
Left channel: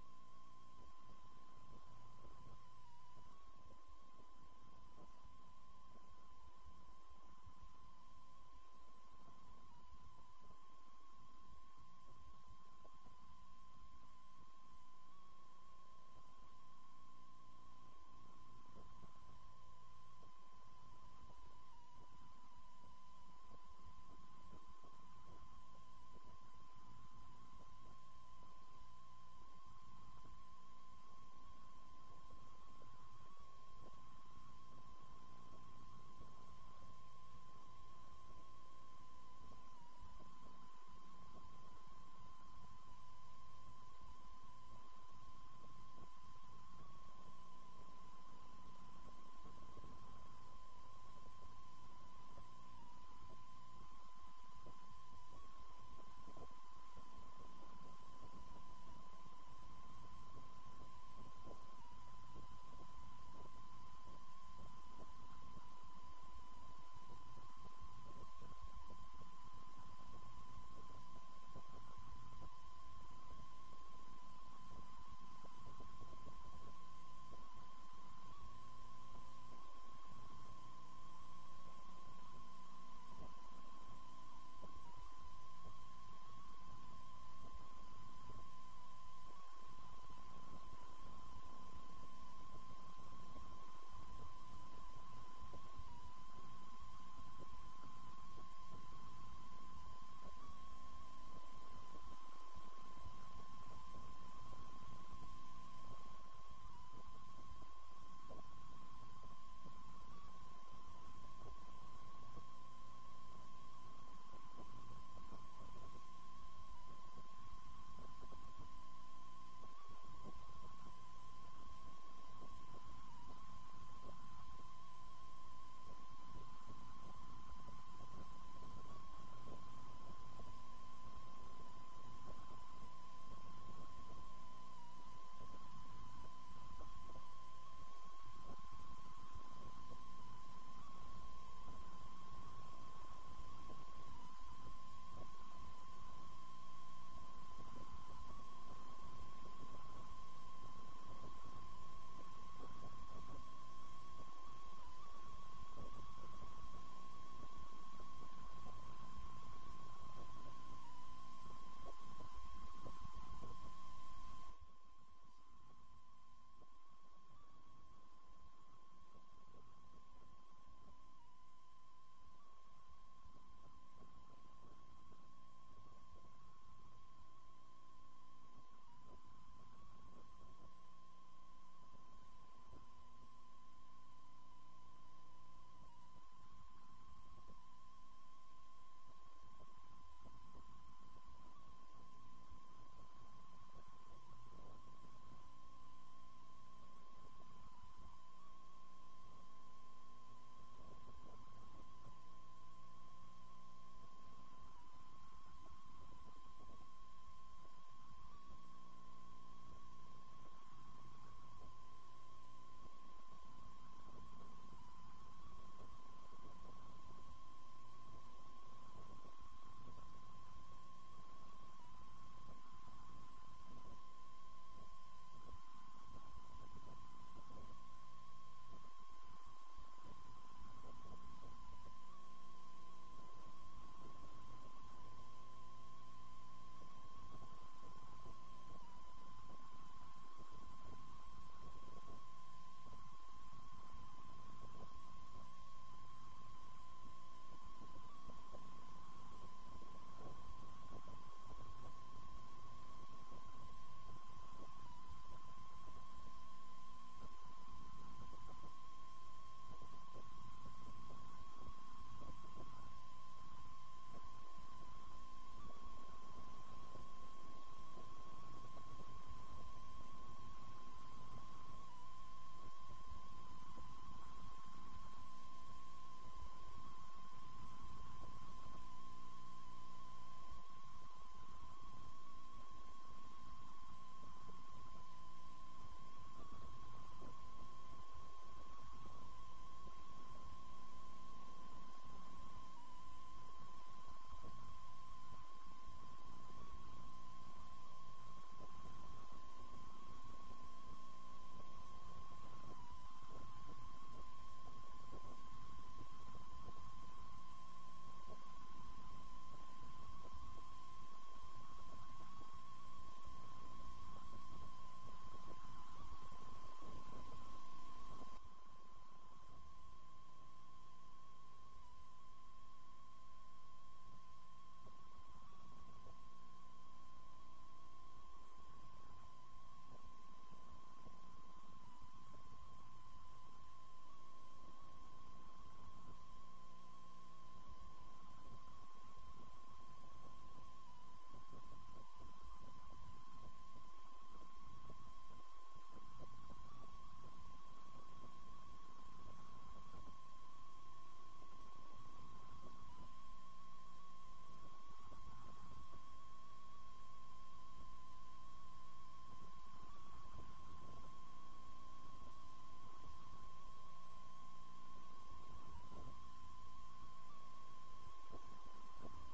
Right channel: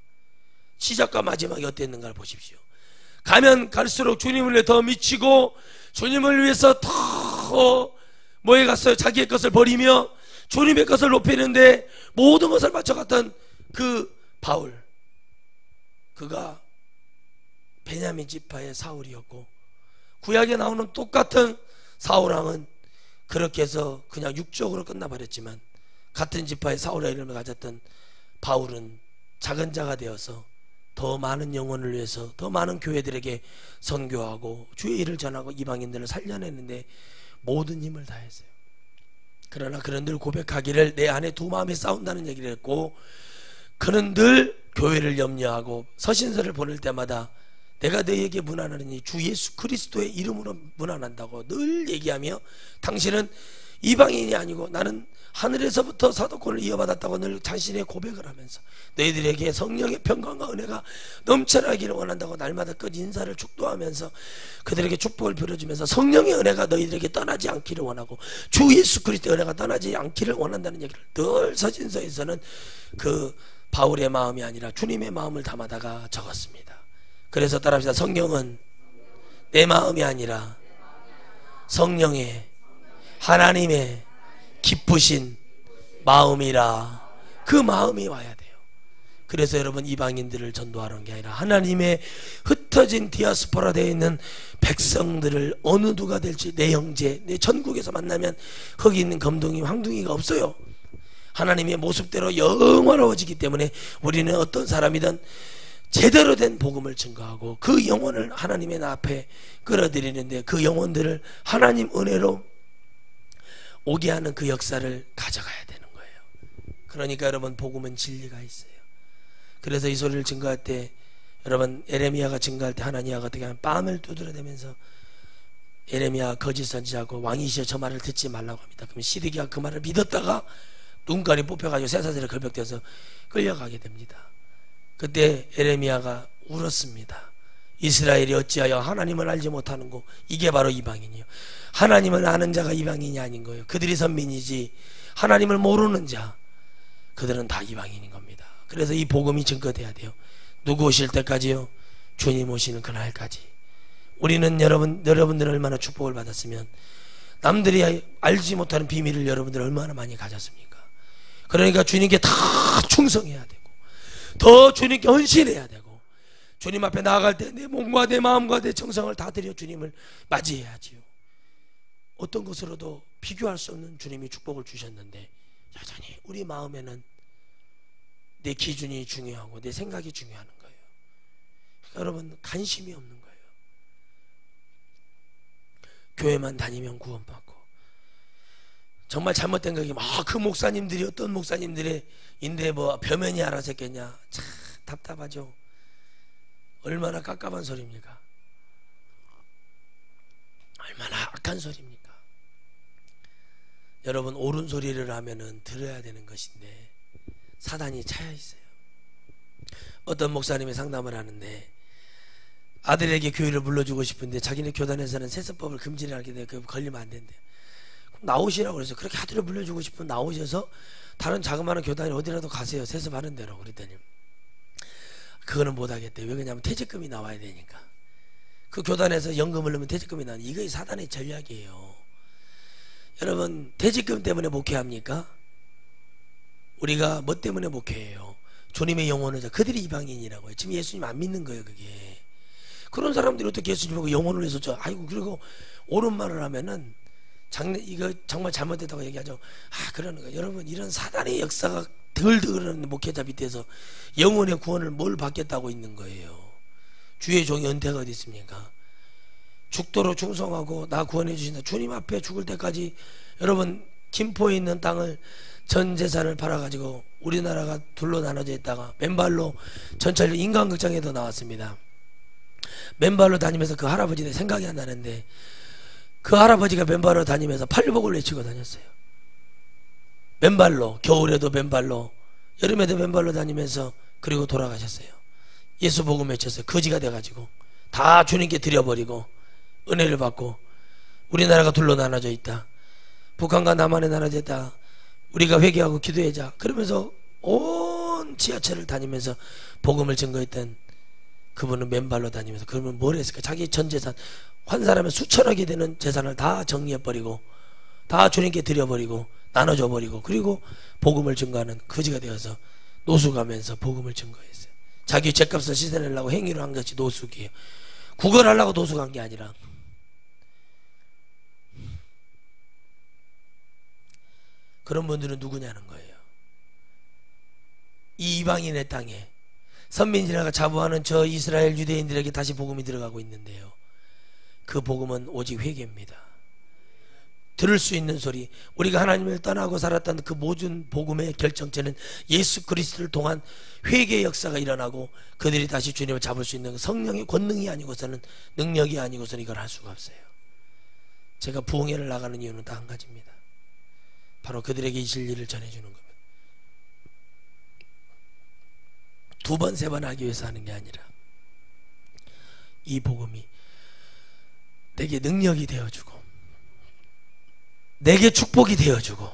시작과 마지막이 어땠는가를 보십시오. 가면 갈수록 주님을 위해 더 미치고 주님을 위해서 더 뭐에 갔어요? 자기의 것을 버리며 주님의 것을 높이는데 모든 것을 바쳐갔던 그 바울, 그가 베냐민 지파의 사울이었고, 구약에 나오는 똑같은 사울왕은 그렇게 해서 그냥 육적으로 끝나버렸지만 같은 지파의 사울의 이름을 가졌던 바울은 작은 자가 되어서 더 많은 영혼을 위해서 더 많은 교회들에게 선교하고 주의 일을 전하고 이방인들을 살려냈는데 모든 힘을 다했어요. 그러나 그는 늘 고백하기를 내 안에 두 마음이 싸운다는 얘기를 했고, 그는 늘 교회를 염려하고 서신서를 보낼 때마다 내가 너희에게 문안하느니 주 예수 그리스도의 이름으로 문안한다고 늘 얘기하며, 당신은 이방인이 아니고 나는 하늘에서부터 사도권을 이어받았다고 늘 자신의 고백을 하면서 너희들에게 성령의 평강과 은혜가 넘쳐나기를 원한다고 날마다 끝 인사를 축도하면서 그들에게 축복을 빌어주면서 성령의 은혜가 너희들에게 떠나지 않기를 원하고 주 예수 그리스도의 은혜가 떠나지 않기를 원한다는 얘기를 늘 서신서에서는 그 바울의 마음이 아니라 주님의 마음을 담아다가 적었습니다. 그래서 따라합시다. 성령은 내 마음이 아니라 성령의, 하나님의 기쁘신 마음이라. 그 마음이 와야 돼요. 그래서 여러분, 이방인들을 전도하는 게 아니라 하나님의 흩어진 디아스포라 되어 있는 백성들을 어느 누가 될지, 내 형제, 내 전국에서 만나면 거기 있는 검둥이, 황둥이가 없어요. 하나님의 모습대로 영원로워지기 때문에 우리는 어떤 사람이든 제대로 된 복음을 증거하고 그 영혼을 하나님의 앞에 끌어들이는데, 그 영혼들을 하나님 은혜로 오게 하는 그 역사를 가져가야 되는 거예요. 그러니까 여러분, 복음은 진리가 있어요. 그래서 이 소리를 증거할 때, 여러분, 에레미야가 증거할 때 하나니아가 어떻게 하면 뺨을 두드려대면서 에레미야 거짓 선지자고 왕이시여 저 말을 듣지 말라고 합니다. 그러면 시드기야 그 말을 믿었다가 눈깔이 뽑혀가지고 쇠사슬에 걸벽되어서 끌려가게 됩니다. 그때 에레미야가 울었습니다. 이스라엘이 어찌하여 하나님을 알지 못하는고. 이게 바로 이방인이요. 하나님을 아는 자가 이방인이 아닌 거예요. 그들이 선민이지 하나님을 모르는 자, 그들은 다 이방인인 겁니다. 그래서 이 복음이 증거돼야 돼요. 누구 오실 때까지요? 주님 오시는 그날까지. 우리는 여러분들 얼마나 축복을 받았으면, 남들이 알지 못하는 비밀을 여러분들 얼마나 많이 가졌습니까? 그러니까 주님께 다 충성해야 되고, 더 주님께 헌신해야 되고, 주님 앞에 나아갈 때 내 몸과 내 마음과 내 정성을 다 드려 주님을 맞이해야지요. 어떤 것으로도 비교할 수 없는 주님이 축복을 주셨는데 여전히 우리 마음에는 내 기준이 중요하고 내 생각이 중요한 거예요. 그러니까 여러분, 관심이 없는 거예요. 교회만 다니면 구원받고, 정말 잘못된 거기 그 목사님들이 어떤 목사님들의 인데 뭐 벼면이 알아서 했겠냐. 참 답답하죠. 얼마나 깝깝한 소리입니까? 얼마나 악한 소리입니까? 여러분, 옳은 소리를 하면은 들어야 되는 것인데 사단이 차여 있어요. 어떤 목사님이 상담을 하는데 아들에게 교회를 불러주고 싶은데 자기네 교단에서는 세습법을 금지를 하게 돼. 그 걸리면 안 된대. 나오시라고 그래서, 그렇게 아들을 불러주고 싶으면 나오셔서 다른 자그마한 교단에 어디라도 가세요. 세습하는 대로. 그랬더니 그거는 못하겠대. 왜 그러냐면 퇴직금이 나와야 되니까. 그 교단에서 연금을 넣으면 퇴직금이 나오는, 이거 사단의 전략이에요. 여러분, 퇴직금 때문에 목회합니까? 우리가 뭐 때문에 목회해요? 주님의 영혼을, 그들이 이방인이라고요. 지금 예수님 안 믿는 거예요. 그게 그런 사람들이 어떻게 예수님 보고 영혼을 위해서 아이고, 그리고 옳은 말을 하면은 이거 정말 잘못됐다고 얘기하죠. 그러는 거예요. 여러분, 이런 사단의 역사가 덜덜한 목회자 밑에서 영혼의 구원을 뭘 받겠다고 있는 거예요. 주의 종이 은퇴가 어디 있습니까? 죽도록 충성하고 나 구원해 주신다. 주님 앞에 죽을 때까지. 여러분, 김포에 있는 땅을 전 재산을 팔아가지고 우리나라가 둘로 나눠져 있다가 맨발로 전철 인간극장에도 나왔습니다. 맨발로 다니면서 그 할아버지 내 생각이 안 나는데, 그 할아버지가 맨발로 다니면서 팔복을 외치고 다녔어요. 맨발로, 겨울에도 맨발로, 여름에도 맨발로 다니면서. 그리고 돌아가셨어요. 예수 복음 외쳤어요. 거지가 돼가지고 다 주님께 드려버리고 은혜를 받고, 우리나라가 둘로 나눠져 있다. 북한과 남한에 나눠져 있다. 우리가 회개하고 기도하자. 그러면서 온 지하철을 다니면서 복음을 증거했던 그분은 맨발로 다니면서. 그러면 뭘 했을까? 자기 전 재산, 한 사람의 수천억이 되는 재산을 다 정리해버리고 다 주님께 드려버리고 나눠줘버리고, 그리고 복음을 증거하는 거지가 되어서 노숙하면서 복음을 증거했어요. 자기 죗값을 씻어내려고 행위를 한 것이 노숙이에요. 구걸하려고 노숙한 게 아니라. 그런 분들은 누구냐는 거예요. 이 이방인의 땅에 선민지라가 자부하는 저 이스라엘 유대인들에게 다시 복음이 들어가고 있는데요, 그 복음은 오직 회개입니다. 들을 수 있는 소리, 우리가 하나님을 떠나고 살았던 그 모든 복음의 결정체는 예수 그리스도를 통한 회개의 역사가 일어나고, 그들이 다시 주님을 잡을 수 있는 성령의 권능이 아니고서는, 능력이 아니고서는 이걸 할 수가 없어요. 제가 부흥회를 나가는 이유는 딱 한 가지입니다. 바로 그들에게 이 진리를 전해주는 겁니다. 두 번, 세 번 하기 위해서 하는 게 아니라 이 복음이 내게 능력이 되어주고, 내게 축복이 되어주고,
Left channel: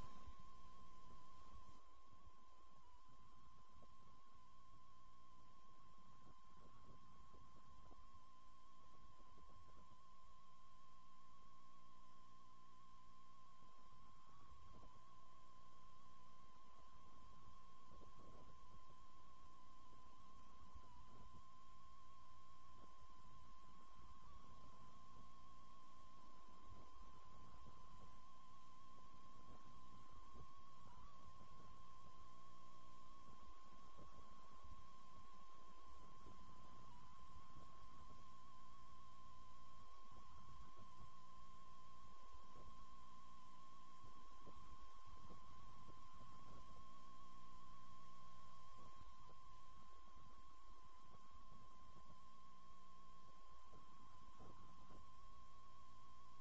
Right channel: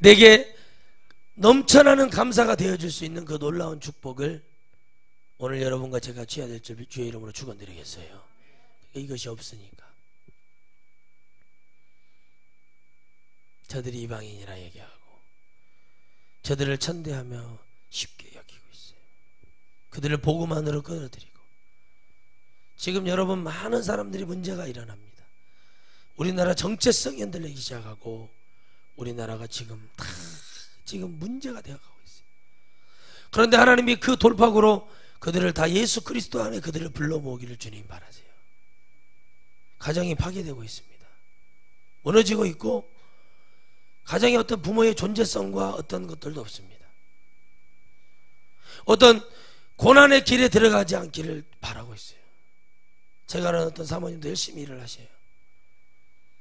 내게 넘쳐나는 감사가 되어줄 수 있는 그 놀라운 축복을 오늘 여러분과 제가 취해야 될 줄 주의 이름으로 축원드리겠어요. 이것이 없으니까 저들이 이방인이라 얘기하고 저들을 천대하며 쉽게 여기고 있어요. 그들을 복음만으로 끌어들이고. 지금 여러분, 많은 사람들이 문제가 일어납니다. 우리나라 정체성이 흔들리기 시작하고, 우리나라가 지금 다 지금 문제가 되어가고 있어요. 그런데 하나님이 그 돌파구로 그들을 다 예수 그리스도 안에 그들을 불러 모으기를 주님 바라세요. 가정이 파괴되고 있습니다. 무너지고 있고 가정의 어떤 부모의 존재성과 어떤 것들도 없습니다. 어떤 고난의 길에 들어가지 않기를 바라고 있어요. 제가 아는 어떤 사모님도 열심히 일을 하셔요.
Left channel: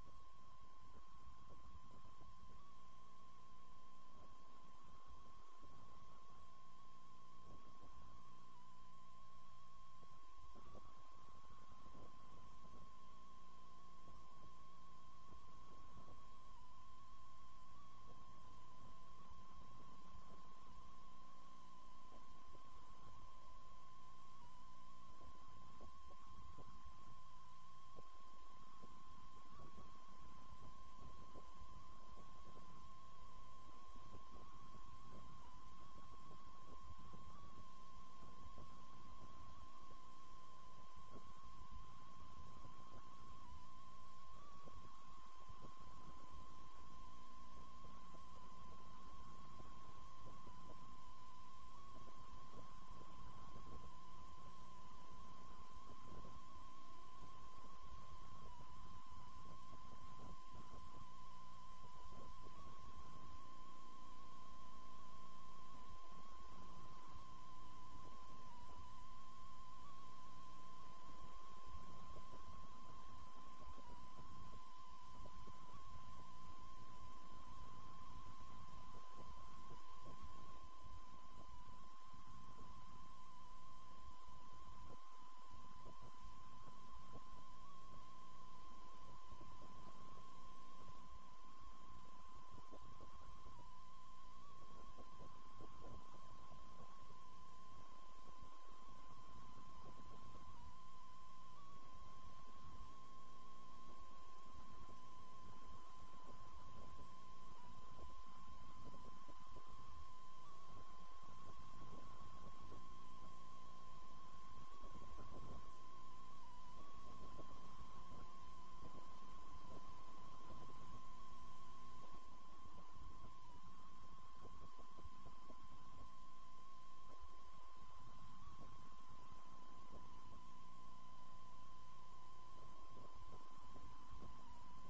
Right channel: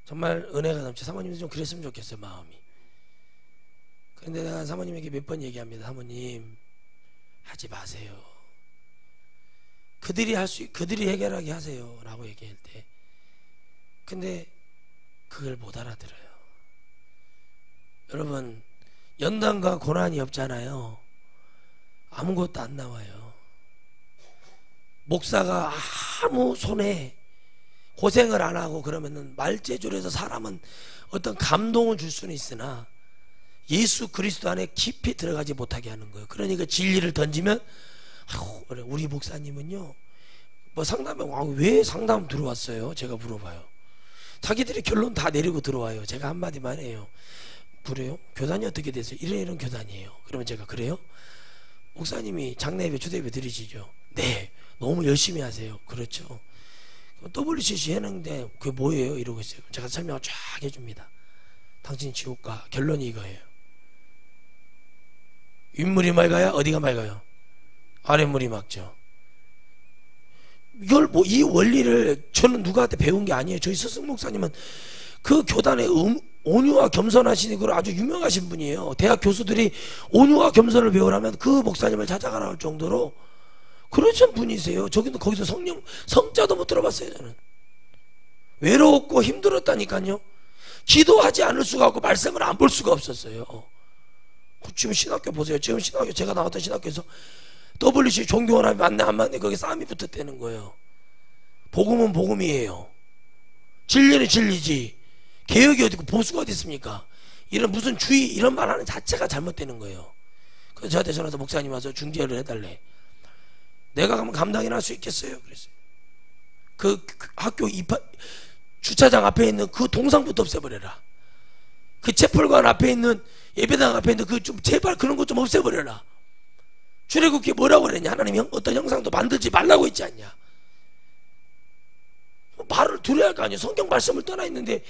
정말 은혜가 넘쳐. 사모님도 좀 그랬으면 좋겠어요, 마음이. 그런데 내가 사모님에게 몇 번 얘기합니다. 사모님, 하지 마세요. 그들이 해결하게 하세요 라고 얘기할 때, 근데 그걸 못 알아들어요. 여러분, 연단과 고난이 없잖아요. 아무것도 안 나와요. 목사가 아무 손에 고생을 안 하고 그러면은 말재주에서 사람은 어떤 감동을 줄 수는 있으나 예수 그리스도 안에 깊이 들어가지 못하게 하는 거예요. 그러니까 진리를 던지면 우리 목사님은요 뭐 상담에 왜 상담 들어왔어요? 제가 물어봐요. 자기들이 결론 다 내리고 들어와요. 제가 한마디만 해요. 그래요? 교단이 어떻게 되세요? 이런 교단이에요. 그러면 제가 그래요? 목사님이 장례예배 주례예배 드리시죠? 네, 너무 열심히 하세요. 그렇죠. WCC 했는데 그게 뭐예요? 이러고 있어요. 제가 설명을 쫙 해줍니다. 당신 지옥가. 결론이 이거예요. 윗물이 맑아야 어디가 맑아요? 아랫물이 맑죠. 이걸 뭐 이 원리를 저는 누구한테 배운 게 아니에요. 저희 스승 목사님은 그 교단의 온유와 겸손하신 걸 아주 유명하신 분이에요. 대학 교수들이 온유와 겸손을 배우라면 그 목사님을 찾아가라 할 정도로 그러신 분이세요. 저기도 거기서 성자도 못 들어봤어요. 저는 외로웠고 힘들었다니까요. 기도하지 않을 수가 없고 말씀을 안 볼 수가 없었어요. 지금 신학교 보세요. 지금 신학교, 제가 나왔던 신학교에서 WC 종교원합이 맞네 안 맞네 거기 싸움이 붙었다는 거예요. 복음은 복음이에요. 진리는 진리지. 개혁이 어디고 보수가 어디 있습니까? 이런 무슨 주의 이런 말하는 자체가 잘못되는 거예요. 그래서 저한테 전화해서 목사님 와서 중재를 해달래. 내가 가면 감당이나 할 수 있겠어요? 그랬어요. 그 학교 주차장 앞에 있는 그 동상부터 없애버려라. 그 채플관 앞에 있는 예배당 앞에 있는 그 좀 제발 그런 것 좀 없애버려라. 출애굽기에 뭐라고 그랬냐? 하나님이 어떤 형상도 만들지 말라고 했지 않냐? 말을 들어야 할 거 아니에요. 성경 말씀을 떠나 있는데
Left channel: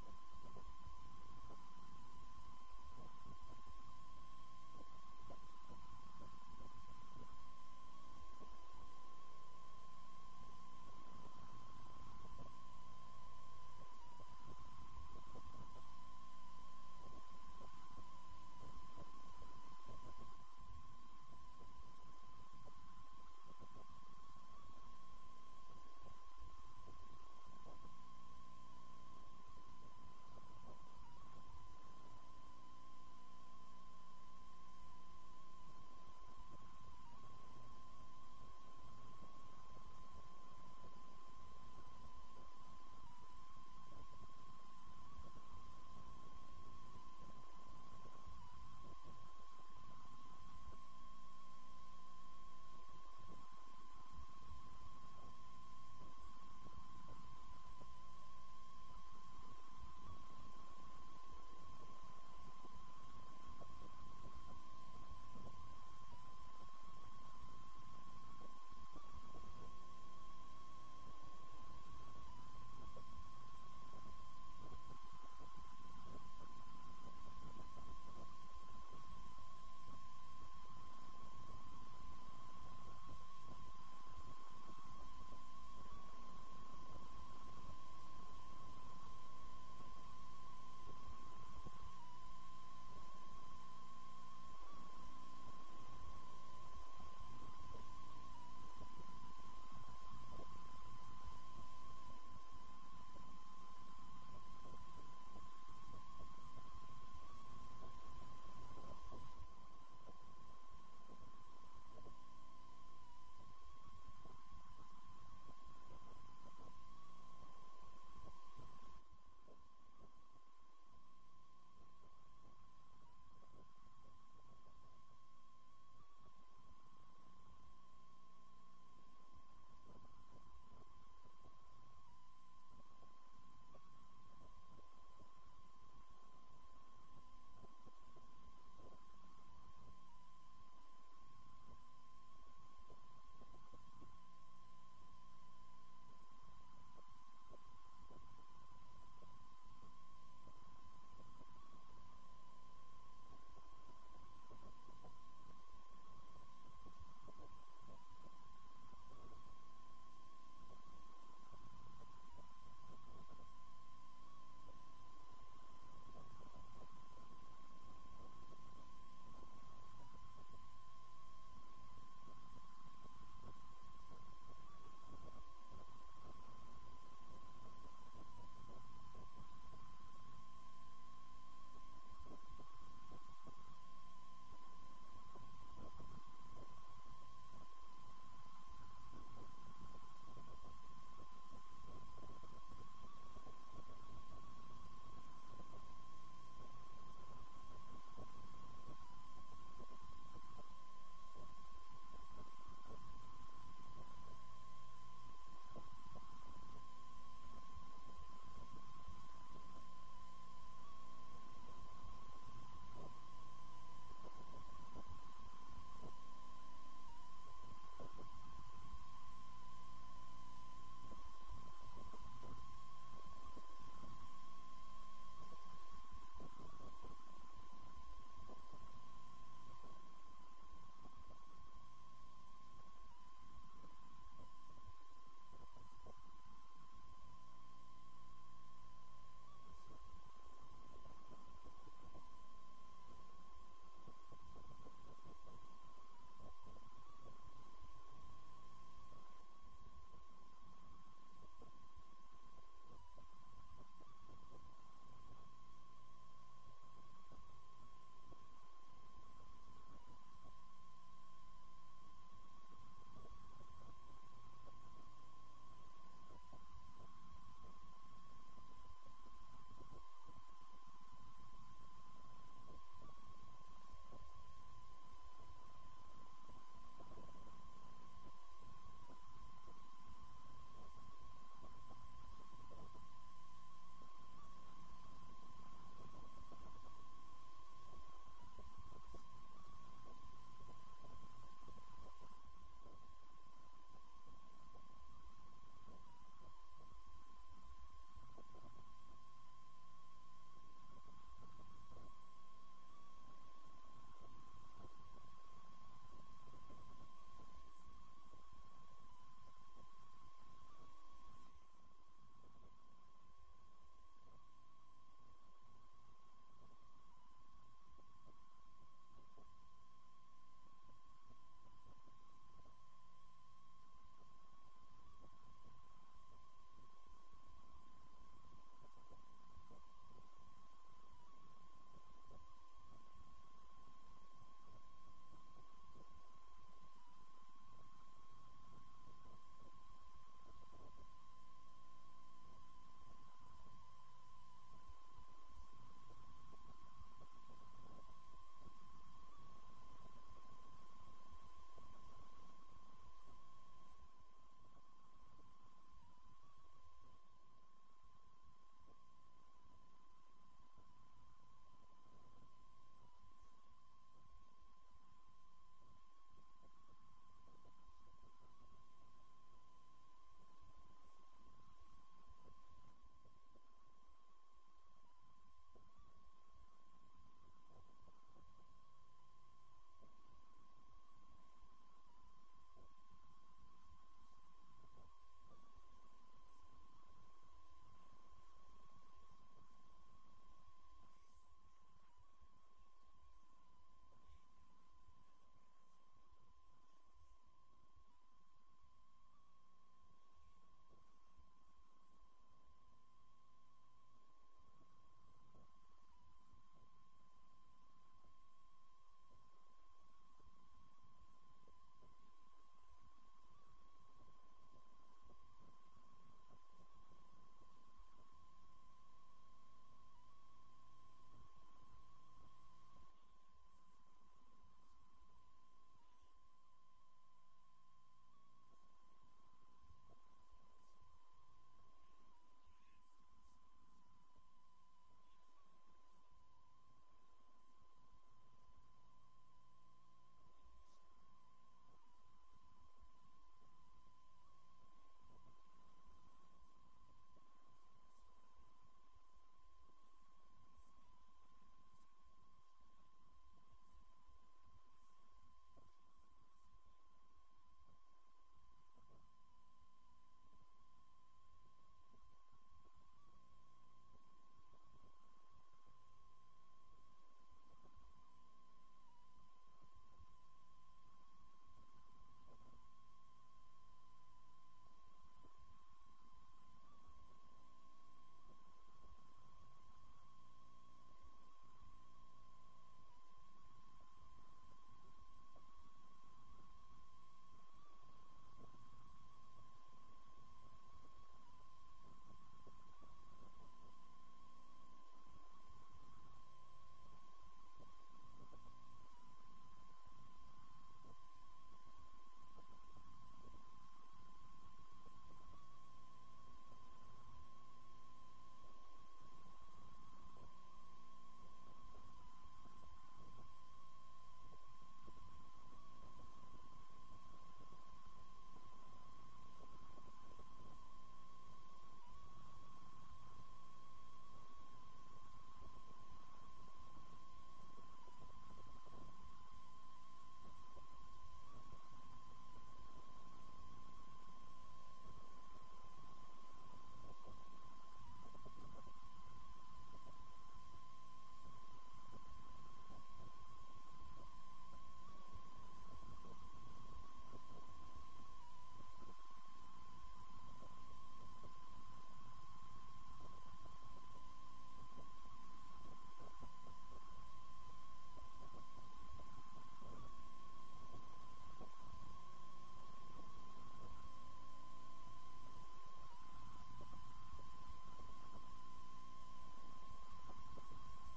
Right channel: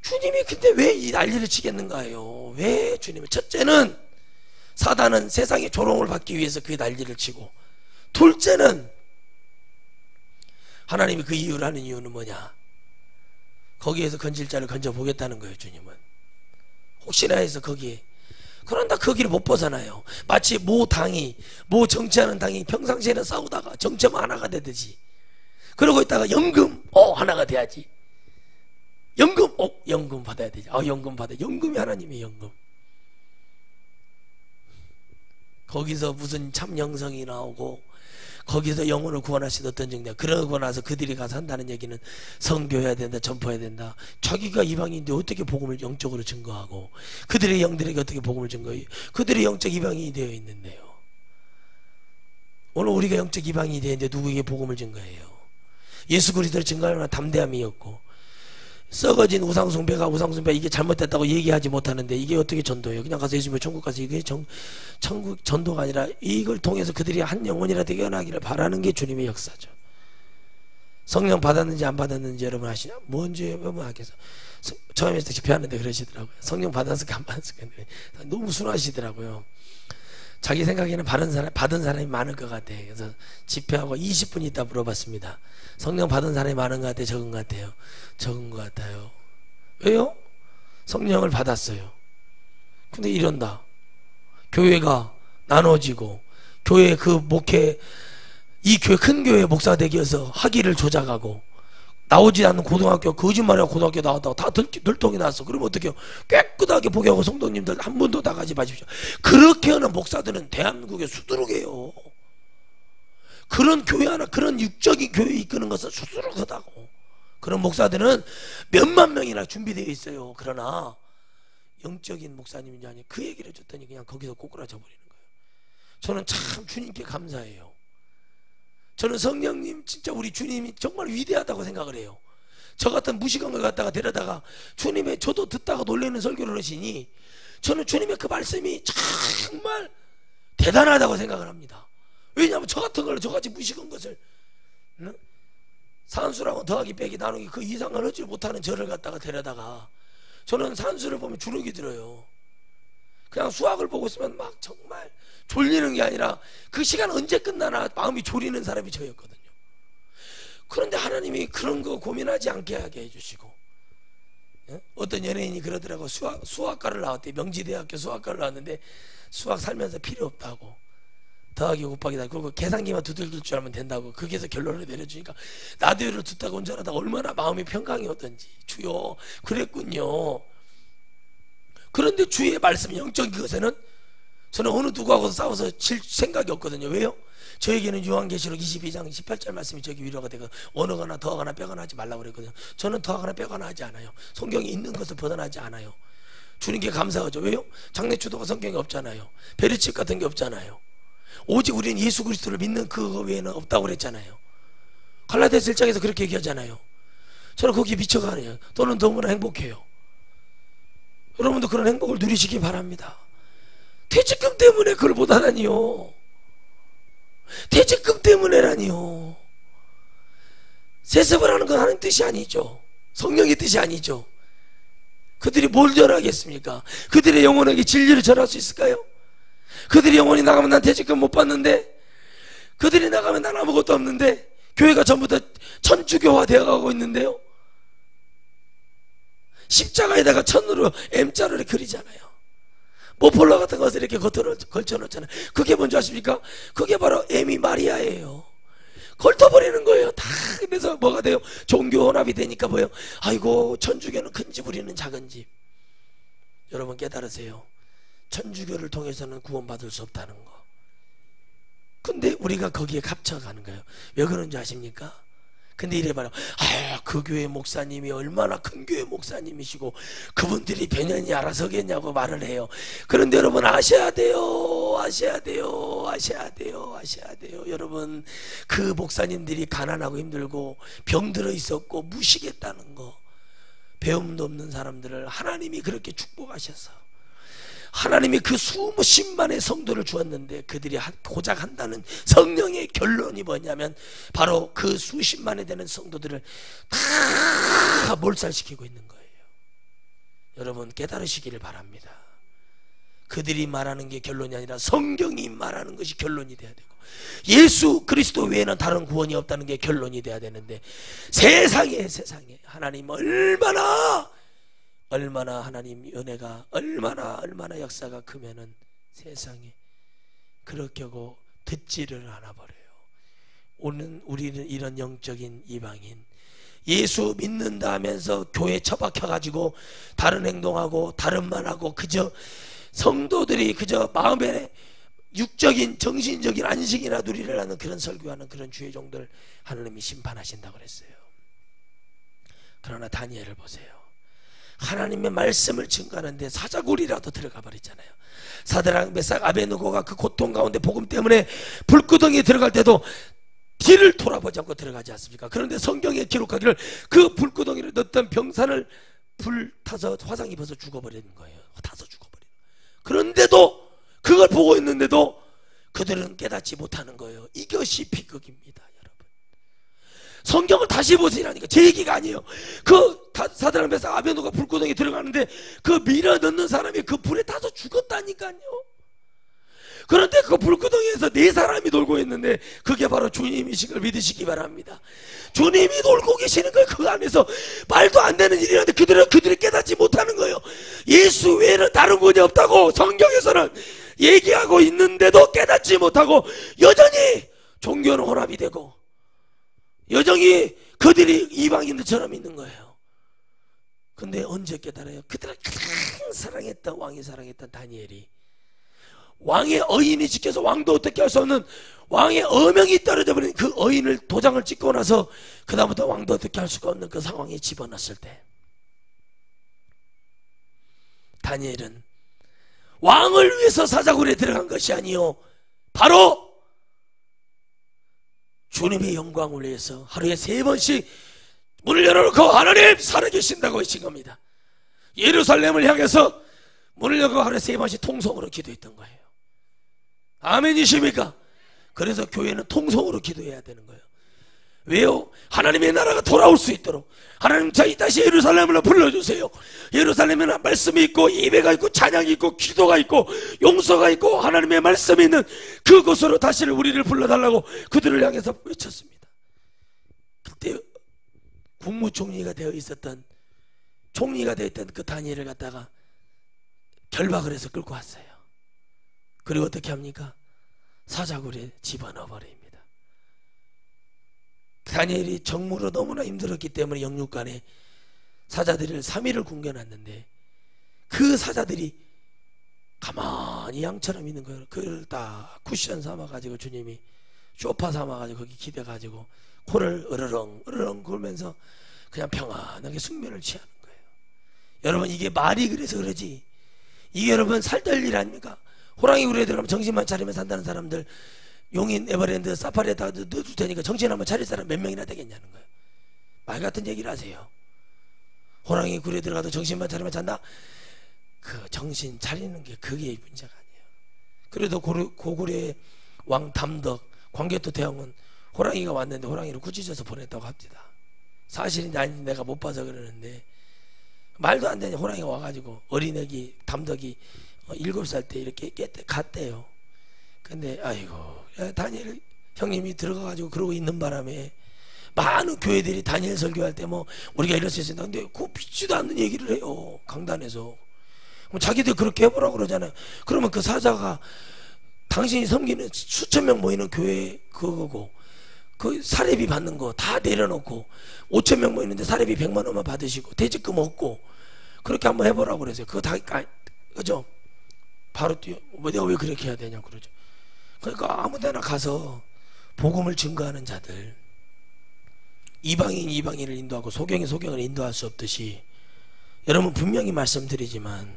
주님이 근데 왜 이 난리를 치겠는가요? 왜 주님이? 첫째는 사단은 세상의 조롱을 받기 위해서 그 난리를 치고, 둘째는 하나님이 그 이유를 하는 이유는 뭐냐? 거기에서 건질 자를 건져보겠다는 거예요. 주님은 혹시나 해서 거기에, 그런다 거기를 못 벗어나요. 마치 모 정치하는 당이 평상시에는 싸우다가 정치하면 하나가 되듯이, 그러고 있다가 연금 하나가 돼야지. 연금 받아야 되지. 연금 받아. 연금이 하나님의 연금. 거기서 무슨 참 영성이 나오고 거기서 영혼을 구원하시던 어떤 정당, 그러고 나서 그들이 가서 한다는 얘기는 선교해야 된다, 전파해야 된다. 자기가 이방인인데 어떻게 복음을 영적으로 증거하고, 그들의 영들에게 어떻게 복음을 증거해요? 그들이 영적 이방인이 되어 있는데요. 오늘 우리가 영적 이방인이 되어 있는데 누구에게 복음을 증거해요? 예수 그리스도를 증거하는 담대함이었고, 썩어진 우상숭배가 이게 잘못됐다고 얘기하지 못하는데 이게 어떻게 전도예요? 그냥 가서 예수님의 천국 가서 이게 천국 전도가 아니라 이걸 통해서 그들이 한 영혼이라 되어나기를 바라는 게 주님의 역사죠. 성령 받았는지 안 받았는지 여러분 아시냐? 뭔지 여러분 아께서 처음에 집회하는데 그러시더라고요. 성령 받았을까 안 받았을까 너무 순하시더라고요. 자기 생각에는 받은 사람이 많을 것 같아. 그래서 집회하고 20분 있다 물어봤습니다. 성령 받은 사람이 많은 것 같아요? 적은 것 같아요? 적은 것 같아요. 왜요? 성령을 받았어요. 근데 이런다. 교회가 나눠지고 교회 그 목회, 이 교회 큰 교회 목사 되기 위해서 학위를 조작하고 나오지 않는 고등학교, 거짓말하고 고등학교 나왔다고 다 들통이 났어. 그러면 어떡해요? 깨끗하게 보게하고 성도님들 한 번도 나가지 마십시오. 그렇게 하는 목사들은 대한민국의 수두룩이에요. 그런 교회 하나, 그런 육적인 교회 이끄는 것은 수두룩하다고. 그런 목사들은 몇만 명이나 준비되어 있어요. 그러나 영적인 목사님인지 아니, 그 얘기를 해줬더니 그냥 거기서 꼬꾸라져 버리는 거예요. 저는 참 주님께 감사해요. 저는 성령님, 진짜 우리 주님이 정말 위대하다고 생각을 해요. 저 같은 무식한 걸 갖다가 데려다가 주님의, 저도 듣다가 놀라는 설교를 하시니 저는 주님의 그 말씀이 정말 대단하다고 생각을 합니다. 왜냐하면 저 같은 걸 저같이 무식한 것을 산수라고 더하기 빼기 나누기 그 이상을 하지 못하는 저를 갖다가 데려다가 저는 산수를 보면 주눅이 들어요. 그냥 수학을 보고 있으면 막 정말 졸리는 게 아니라 그 시간 언제 끝나나 마음이 졸이는 사람이 저였거든요. 그런데 하나님이 그런 거 고민하지 않게 하게 해주시고, 어떤 연예인이 그러더라고. 수학과를 나왔대. 명지대학교 수학과를 나왔는데 수학 살면서 필요 없다고, 더하기 곱하기다, 그리고 계산기만 두들길 줄 알면 된다고, 거기에서 결론을 내려주니까 라디오를 듣다가 운전하다가 얼마나 마음이 평강이었던지. 주여 그랬군요. 그런데 주의 말씀 영적인 것에는 저는 어느 누구하고도 싸워서 질 생각이 없거든요. 왜요? 저에게는 요한계시록 22장 18절 말씀이 저기 위로가 되고, 어느거나 더하거나 빼거나 하지 말라고 그랬거든요. 저는 더하거나 빼거나 하지 않아요. 성경에 있는 것을 벗어나지 않아요. 주님께 감사하죠. 왜요? 장래추도가 성경에 없잖아요. 베르칩 같은 게 없잖아요. 오직 우리는 예수 그리스도를 믿는 그거 외에는 없다고 그랬잖아요. 갈라디아서 1장에서 그렇게 얘기하잖아요. 저는 거기에 미쳐가네요. 또는 너무나 행복해요. 여러분도 그런 행복을 누리시기 바랍니다. 퇴직금 때문에 그걸 못하다니요. 퇴직금 때문에라니요. 세습을 하는 건 하는 뜻이 아니죠. 성령의 뜻이 아니죠. 그들이 뭘 전하겠습니까? 그들의 영혼에게 진리를 전할 수 있을까요? 그들이 영혼이 나가면 난 퇴직금 못 받는데, 그들이 나가면 난 아무것도 없는데, 교회가 전부 다 천주교화 되어가고 있는데요. 십자가에다가 천으로 M자를 그리잖아요. 모폴라 같은 것을 이렇게 겉으로 걸쳐놓잖아요. 그게 뭔지 아십니까? 그게 바로 M이 마리아예요. 걸터버리는 거예요. 다. 그래서 뭐가 돼요? 종교 혼합이 되니까 뭐예요? 아이고, 천주교는 큰 집, 우리는 작은 집. 여러분 깨달으세요. 천주교를 통해서는 구원받을 수 없다는 거. 근데 우리가 거기에 갇혀가는 거예요. 왜 그런지 아십니까? 근데 이래 봐요. 그 교회 목사님이 얼마나 큰 교회 목사님이시고 그분들이 변연히 알아서겠냐고 말을 해요. 그런데 여러분 아셔야 돼요. 여러분, 그 목사님들이 가난하고 힘들고 병들어 있었고 무식했다는 거, 배움도 없는 사람들을 하나님이 그렇게 축복하셔서 하나님이 그 수십만의 성도를 주었는데, 그들이 고작 한다는 성령의 결론이 뭐냐면 바로 그 수십만에 되는 성도들을 다 몰살시키고 있는 거예요. 여러분 깨달으시기를 바랍니다. 그들이 말하는 게 결론이 아니라 성경이 말하는 것이 결론이 돼야 되고, 예수 그리스도 외에는 다른 구원이 없다는 게 결론이 돼야 되는데, 세상에 하나님 얼마나 하나님 은혜가 얼마나 역사가 크면은 세상에 그렇게 하고 듣지를 않아 버려요. 오늘 우리는 이런 영적인 이방인, 예수 믿는다 하면서 교회 처박혀가지고 다른 행동하고 다른 말하고 그저 성도들이 그저 마음에 육적인 정신적인 안식이나 누리려는 그런 설교하는 그런 주의 종들 하나님이 심판하신다고 그랬어요. 그러나 다니엘을 보세요. 하나님의 말씀을 증거하는데 사자굴이라도 들어가 버리잖아요. 사드락 메삭 아베느고가 그 고통 가운데 복음 때문에 불구덩이에 들어갈 때도 뒤를 돌아보지 않고 들어가지 않습니까? 그런데 성경에 기록하기를 그 불구덩이를 넣었던 병산을 불타서 화상 입어서 죽어버리는 거예요. 타서 죽어버리는. 그런데도 그걸 보고 있는데도 그들은 깨닫지 못하는 거예요. 이것이 비극입니다. 성경을 다시 보시라니까. 제 얘기가 아니에요. 그 사드락 메삭 아베느고가 불구덩이에 들어가는데 그 밀어 넣는 사람이 그 불에 타서 죽었다니까요. 그런데 그 불구덩이에서 네 사람이 놀고 있는데 그게 바로 주님이신 걸 믿으시기 바랍니다. 주님이 놀고 계시는 거예요. 그 안에서 말도 안 되는 일이라는데 그들이 깨닫지 못하는 거예요. 예수 외에는 다른 구원이 없다고 성경에서는 얘기하고 있는데도 깨닫지 못하고 여전히 종교는 혼합이 되고 여전히 그들이 이방인들처럼 있는 거예요. 근데 언제 깨달아요? 그들을 가장 사랑했던 왕이 사랑했던 다니엘이 왕의 어인이 지켜서 왕도 어떻게 할 수 없는 왕의 어명이 떨어져 버린 그 어인을 도장을 찍고 나서 그 다음부터 왕도 어떻게 할 수가 없는 그 상황에 집어넣었을 때 다니엘은 왕을 위해서 사자굴에 들어간 것이 아니요 바로 주님의 영광을 위해서 하루에 3번씩 문을 열어놓고 하나님 살아계신다고 하신 겁니다. 예루살렘을 향해서 문을 열고 하루에 3번씩 통성으로 기도했던 거예요. 아멘이십니까? 그래서 교회는 통성으로 기도해야 되는 거예요. 왜요? 하나님의 나라가 돌아올 수 있도록. 하나님, 저희 다시 예루살렘으로 불러주세요. 예루살렘에는 말씀이 있고 예배가 있고 찬양이 있고 기도가 있고 용서가 있고 하나님의 말씀이 있는 그곳으로 다시 우리를 불러달라고 그들을 향해서 외쳤습니다. 그때 국무총리가 되어 있었던, 총리가 되어 있던 그 다니엘을 갖다가 결박을 해서 끌고 왔어요. 그리고 어떻게 합니까? 사자굴에 집어넣어 버립니다. 다니엘이 정무로 너무나 힘들었기 때문에 영육간에 사자들을 3일을 굶겨놨는데 그 사자들이 가만히 양처럼 있는 거예요. 그걸 다 쿠션 삼아가지고 주님이 쇼파 삼아가지고 거기 기대가지고 코를 으르렁 으르렁 굴면서 그냥 평안하게 숙면을 취하는 거예요. 여러분, 이게 말이 그래서 그러지, 이게 여러분 살될 일 아닙니까? 호랑이 굴에 들어가면 정신만 차리면 산다는 사람들 용인 에버랜드 사파리에다 넣어줄 테니까 정신 한번 차릴 사람 몇 명이나 되겠냐는 거예요. 말 같은 얘기를 하세요. 호랑이 굴에 들어가도 정신만 차리면 잔다? 그 정신 차리는 게 그게 문제가 아니에요. 그래도 고구려의 왕 담덕, 광개토 대왕은 호랑이가 왔는데 호랑이를 꾸짖어서 보냈다고 합니다. 사실인지 아닌지 내가 못 봐서 그러는데, 말도 안 되는 호랑이가 와가지고 어린애기 담덕이 7살 때 이렇게 갔대요. 근데 아이고, 다니엘 형님이 들어가가지고 그러고 있는 바람에 많은 교회들이 다니엘 설교할 때 뭐 우리가 이럴 수 있습니다. 근데 그거 믿지도 않는 얘기를 해요, 강단에서. 자기들 그렇게 해보라고 그러잖아요. 그러면 그 사자가 당신이 섬기는 수천 명 모이는 교회 그거고 그 사례비 받는 거 다 내려놓고 5천 명 모이는데 사례비 100만 원만 받으시고 퇴직금 없고 그렇게 한번 해보라고 그러세요. 그거 다 그죠? 바로 뛰어. 내가 왜 그렇게 해야 되냐고 그러죠. 그러니까 아무데나 가서 복음을 증거하는 자들, 이방인을 인도하고 소경을 인도할 수 없듯이, 여러분 분명히 말씀드리지만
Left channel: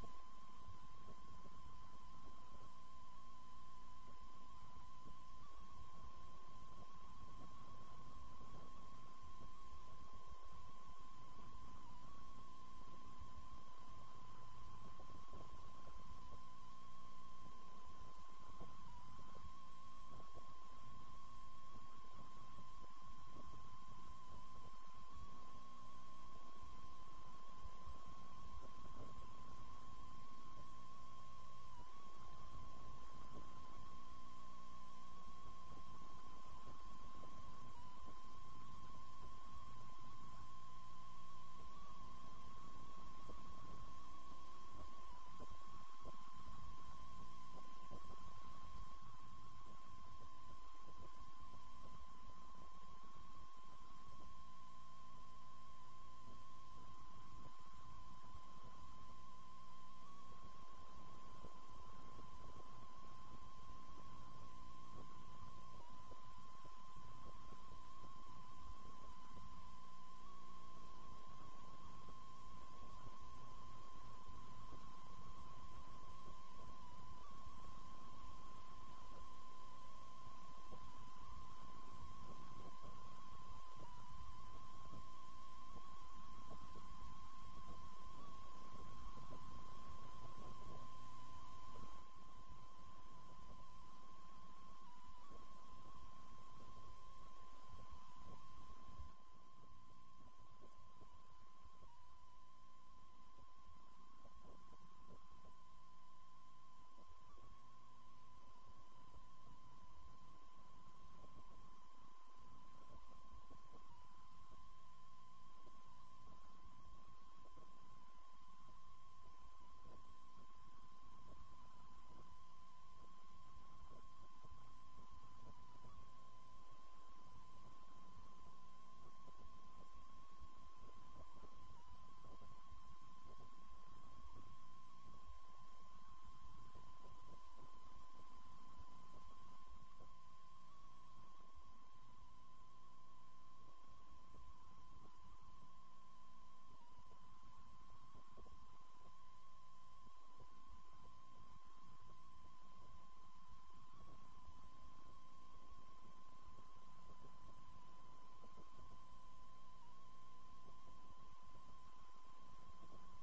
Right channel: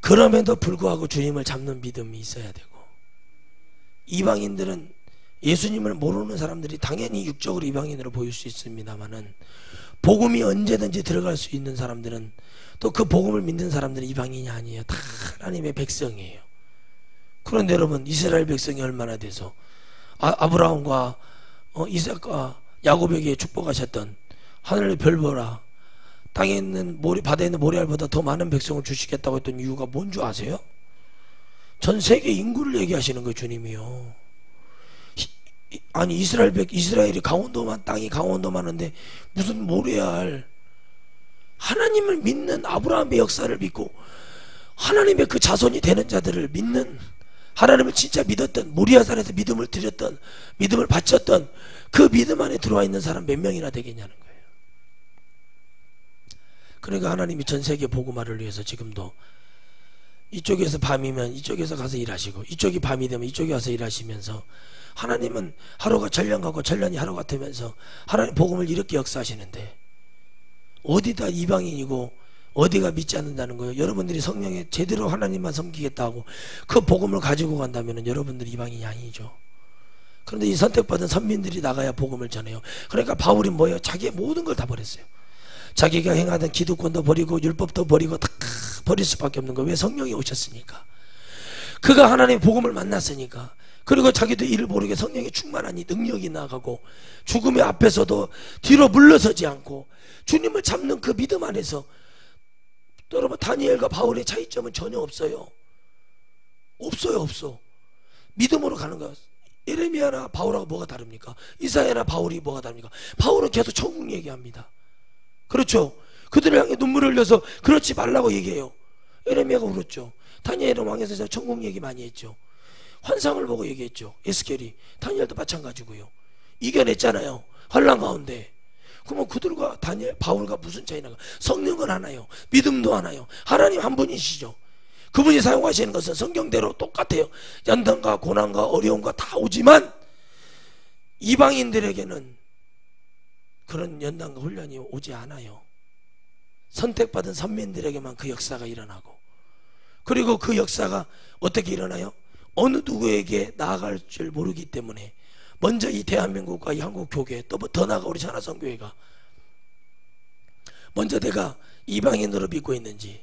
그럼에도 불구하고 주님을 잡는 믿음이 있어야 되고, 이방인들은 예수님을 모르는 사람들이 당연히 육적으로 이방인으로 보일 수 있습니다만은 복음이 언제든지 들어갈 수 있는 사람들은, 또 그 복음을 믿는 사람들은 이방인이 아니에요. 다 하나님의 백성이에요. 그런데 여러분, 이스라엘 백성이 얼마나 돼서 아브라함과 이삭과 야곱에게 축복하셨던 하늘의 별 보라, 땅에 있는 바다에 있는 모래알보다 더 많은 백성을 주시겠다고 했던 이유가 뭔 줄 아세요? 전 세계 인구를 얘기하시는 거예요, 주님이요. 아니 이스라엘이 강원도만, 땅이 강원도만한데 무슨 모래알. 하나님을 믿는 아브라함의 역사를 믿고 하나님의 그 자손이 되는 자들을 믿는, 하나님을 진짜 믿었던, 모리아산에서 믿음을 드렸던, 믿음을 바쳤던 그 믿음 안에 들어와 있는 사람 몇 명이나 되겠냐는 거예요. 그러니까 하나님이 전 세계 복음화를 위해서 지금도 이쪽에서 밤이면 이쪽에서 가서 일하시고, 이쪽이 밤이 되면 이쪽에 와서 일하시면서, 하나님은 하루가 전년 같고 전년이 하루 같으면서 하나님 복음을 이렇게 역사하시는데 어디다 이방인이고 어디가 믿지 않는다는 거예요. 여러분들이 성령에 제대로 하나님만 섬기겠다고 그 복음을 가지고 간다면 여러분들이 이방인이 아니죠. 그런데 이 선택받은 선민들이 나가야 복음을 전해요. 그러니까 바울이 뭐예요? 자기의 모든 걸 다 버렸어요. 자기가 행하던 기득권도 버리고 율법도 버리고 다 버릴 수밖에 없는 거예요. 왜? 성령이 오셨으니까. 그가 하나님의 복음을 만났으니까. 그리고 자기도 이를 모르게 성령이 충만하니 능력이 나가고 죽음의 앞에서도 뒤로 물러서지 않고 주님을 잡는 그 믿음 안에서, 여러분 다니엘과 바울의 차이점은 전혀 없어요. 없어. 믿음으로 가는 거야. 예레미야나 바울하고 뭐가 다릅니까? 이사야나 바울이 뭐가 다릅니까? 바울은 계속 천국 얘기합니다. 그렇죠? 그들을 향해 눈물을 흘려서 그렇지 말라고 얘기해요. 예레미야가 울었죠. 다니엘은 왕에서 천국 얘기 많이 했죠. 환상을 보고 얘기했죠. 에스겔이. 다니엘도 마찬가지고요. 이겨냈잖아요, 환란 가운데. 그러면 그들과 다니엘, 바울과 무슨 차이나가? 성령은 하나요, 믿음도 하나요, 하나님 한 분이시죠. 그분이 사용하시는 것은 성경대로 똑같아요. 연단과 고난과 어려움과 다 오지만 이방인들에게는 그런 연단과 훈련이 오지 않아요. 선택받은 선민들에게만 그 역사가 일어나고, 그리고 그 역사가 어떻게 일어나요? 어느 누구에게 나아갈 줄 모르기 때문에 먼저 이 대한민국과 이 한국 교회, 또 더 나아가 우리 천하성교회가 먼저 내가 이방인으로 믿고 있는지,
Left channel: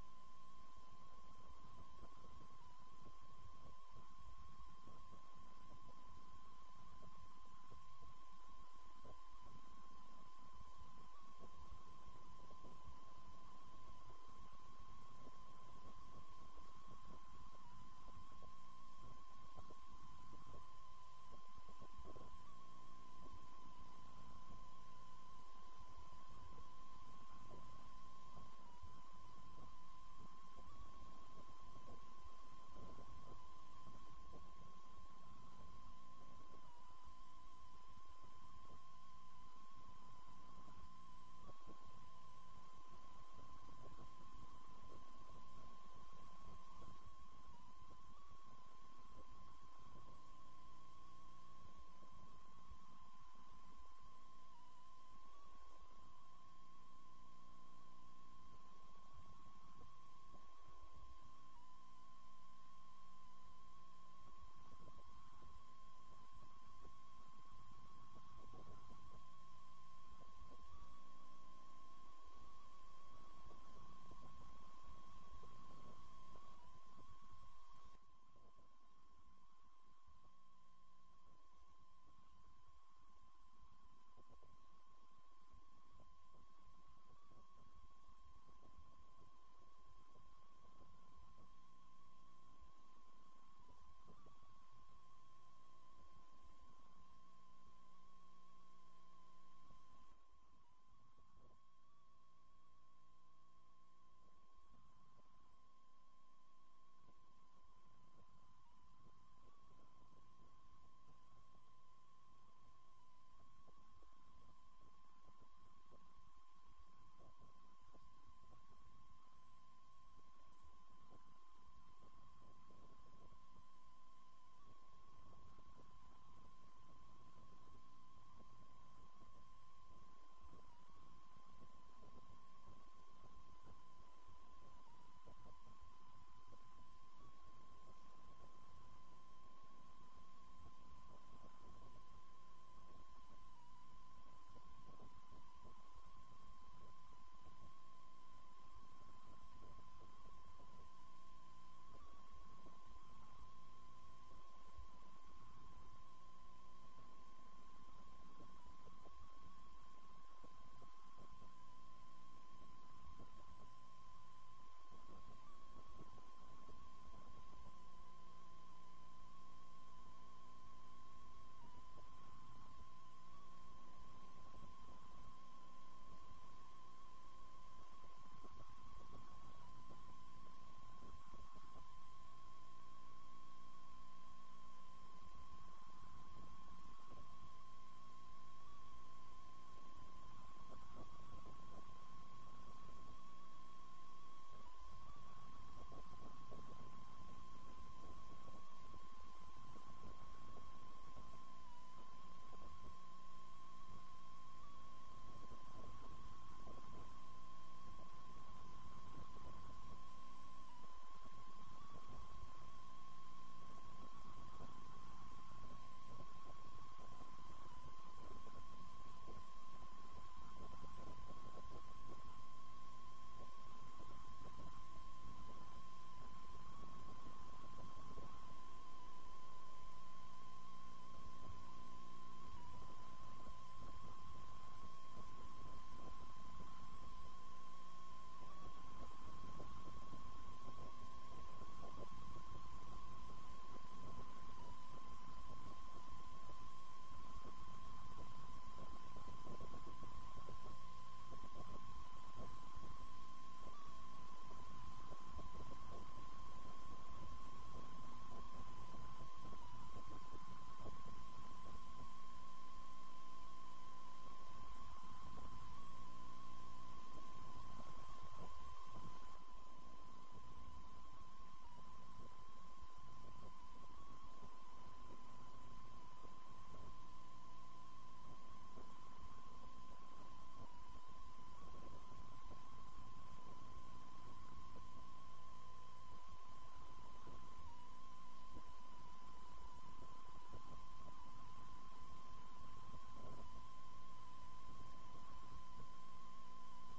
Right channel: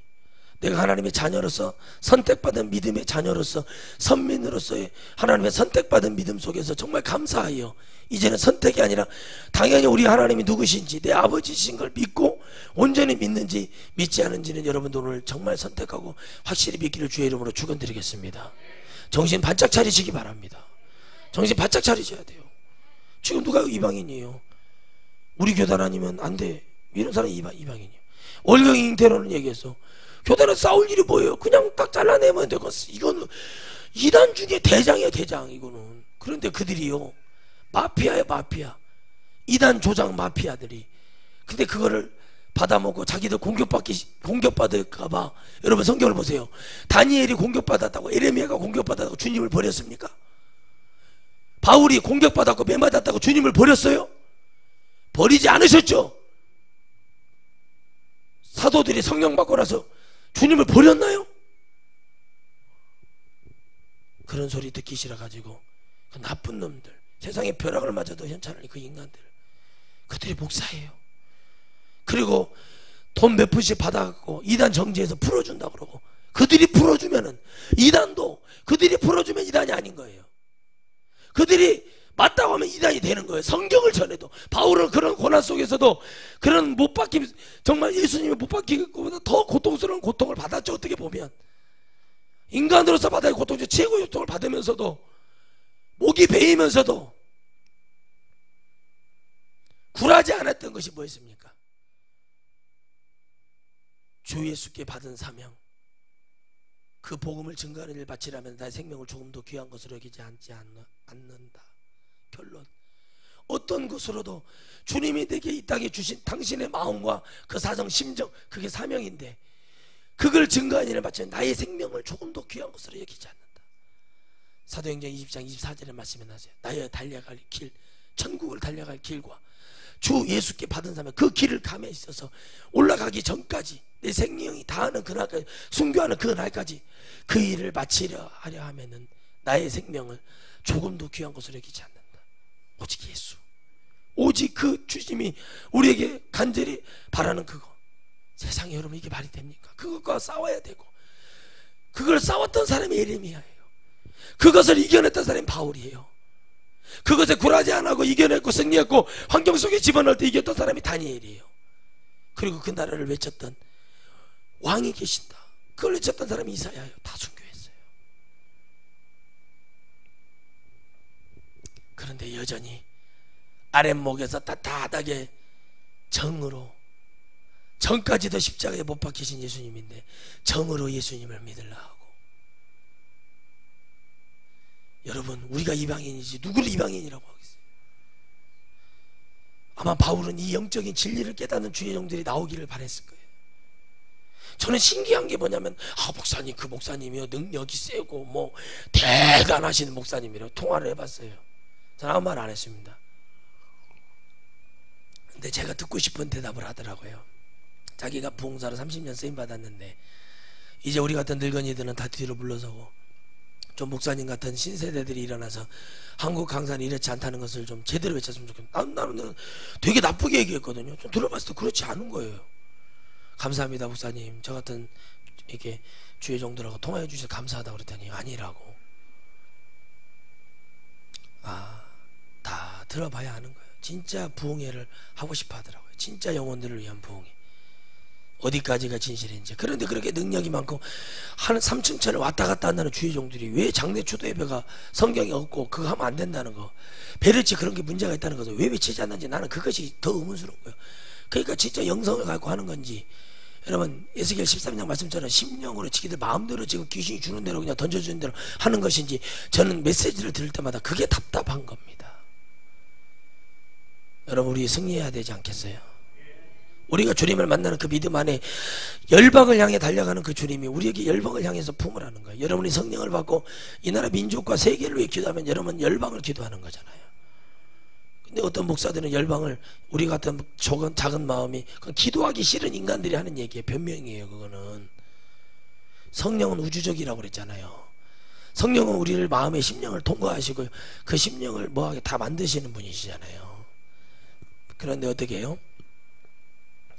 내가 하나님의 자녀로서 선택받은 믿음의 자녀로서 선민으로서의 하나님의 선택받은 믿음 속에서 정말 감사하여 이제는 선택이 아니라 당연히 우리 하나님이 누구신지 내 아버지신 걸 믿고 온전히 믿는지 믿지 않은지는 여러분들 오늘 정말 선택하고 확실히 믿기를 주의 이름으로 축원드리겠습니다. 정신 바짝 차리시기 바랍니다. 정신 바짝 차리셔야 돼요. 지금 누가 이방인이에요? 우리 교단 아니면 안 돼. 이런 사람이 이방인이에요. 월경이 잉태로는 얘기했어. 교단은 싸울 일이 뭐예요? 그냥 딱 잘라내면 되고. 이거는 이단 중에 대장이야, 대장. 이거는. 그런데 그들이요, 마피아예요, 마피아. 이단 조장 마피아들이. 근데 그거를 받아먹고 자기들 공격받을까봐. 여러분 성경을 보세요. 다니엘이 공격받았다고, 에레미야가 공격받았다고 주님을 버렸습니까? 바울이 공격받았고 매맞았다고 주님을 버렸어요? 버리지 않으셨죠? 사도들이 성령 받고 나서 주님을 버렸나요? 그런 소리 듣기 싫어가지고 그 나쁜 놈들, 세상에 벼락을 맞아도 현찮은 그 인간들, 그들이 목사예요. 그리고 돈 몇 푼씩 받아갖고 이단 정지해서 풀어준다 그러고, 그들이 풀어주면은 이단도, 그들이 풀어주면 이단이 아닌 거예요. 그들이 맞다고 하면 이단이 되는 거예요. 성경을 전해도. 바울은 그런 고난 속에서도 그런 못 박힘, 정말 예수님이 못 박히기보다 더 고통스러운 고통을 받았죠. 어떻게 보면 인간으로서 받아야 고통 중 최고의 고통을 받으면서도, 목이 베이면서도 굴하지 않았던 것이 뭐였습니까? 주 예수께 받은 사명, 그 복음을 증거하는 일 바치라면 나의 생명을 조금 더 귀한 것으로 여기지 않는다. 결론, 어떤 것으로도 주님이 내게 이 땅에 주신 당신의 마음과 그 사정 심정, 그게 사명인데 그걸 증거하는 일을 바치면 나의 생명을 조금 더 귀한 것으로 여기지 않는다. 사도행전 20장 24절에 말씀해 놨어요. 나의 달려갈 길, 천국을 달려갈 길과 주 예수께 받은 사명, 그 길을 감에 있어서 올라가기 전까지 내 생명이 다하는 그날까지, 순교하는 그날까지 그 일을 마치려 하려 하면은 나의 생명을 조금 더 귀한 것으로 여기지 않는다. 오직 예수, 오직 그 주님이 우리에게 간절히 바라는 그거. 세상에 여러분 이게 말이 됩니까? 그것과 싸워야 되고, 그걸 싸웠던 사람이 예레미야예요. 그것을 이겨냈던 사람이 바울이에요. 그것에 굴하지 않고 이겨냈고 승리했고 환경 속에 집어넣을 때 이겼던 사람이 다니엘이에요. 그리고 그 나라를 외쳤던 왕이 계신다, 그걸 외쳤던 사람이 이사야예요. 다 순교했어요. 그런데 여전히 아랫목에서 따뜻하게 정으로, 정까지도 십자가에 못 박히신 예수님인데 정으로 예수님을 믿으려 하고. 여러분, 우리가 이방인이지 누구를 이방인이라고 하겠어요? 아마 바울은 이 영적인 진리를 깨닫는 주의 종들이 나오기를 바랬을 거예요. 저는 신기한 게 뭐냐면, 목사님, 그 목사님이요 능력이 세고 뭐 대단하신 목사님이라고 통화를 해봤어요. 저는 아무 말 안 했습니다. 근데 제가 듣고 싶은 대답을 하더라고요. 자기가 부흥사로 30년 쓰임받았는데 이제 우리 같은 늙은이들은 다 뒤로 물러서고 좀 목사님 같은 신세대들이 일어나서 한국 강사는 이렇지 않다는 것을 좀 제대로 외쳤으면 좋겠다. 나는 되게 나쁘게 얘기했거든요. 좀 들어봤을 때 그렇지 않은 거예요. 감사합니다 목사님, 저 같은 이렇게 주의 종들하고 통화해 주셔서 감사하다고 그랬더니 아니라고. 다 들어봐야 하는 거예요. 진짜 부흥회를 하고 싶어 하더라고요. 진짜 영혼들을 위한 부흥회, 어디까지가 진실인지. 그런데 그렇게 능력이 많고 한 3층천을 왔다 갔다 한다는 주의 종들이 왜 장례 추도 예배가 성경이 없고 그거 하면 안 된다는 거, 베르치 그런 게 문제가 있다는 것을 왜 외치지 않는지 나는 그것이 더 의문스럽고요. 그러니까 진짜 영성을 갖고 하는 건지, 여러분 에스겔 13장 말씀처럼 심령으로 지기들 마음대로 지금 귀신이 주는 대로 그냥 던져주는 대로 하는 것인지, 저는 메시지를 들을 때마다 그게 답답한 겁니다. 여러분, 우리 승리해야 되지 않겠어요? 우리가 주님을 만나는 그 믿음 안에 열방을 향해 달려가는 그 주님이 우리에게 열방을 향해서 품으라는 거예요. 여러분이 성령을 받고 이 나라 민족과 세계를 위해 기도하면 여러분 열방을 기도하는 거잖아요. 근데 어떤 목사들은 열방을, 우리 같은 작은 마음이 기도하기 싫은 인간들이 하는 얘기예요. 변명이에요. 그거는 성령은 우주적이라고 그랬잖아요. 성령은 우리를 마음의 심령을 통과하시고 그 심령을 뭐하게 다 만드시는 분이시잖아요. 그런데 어떻게 해요?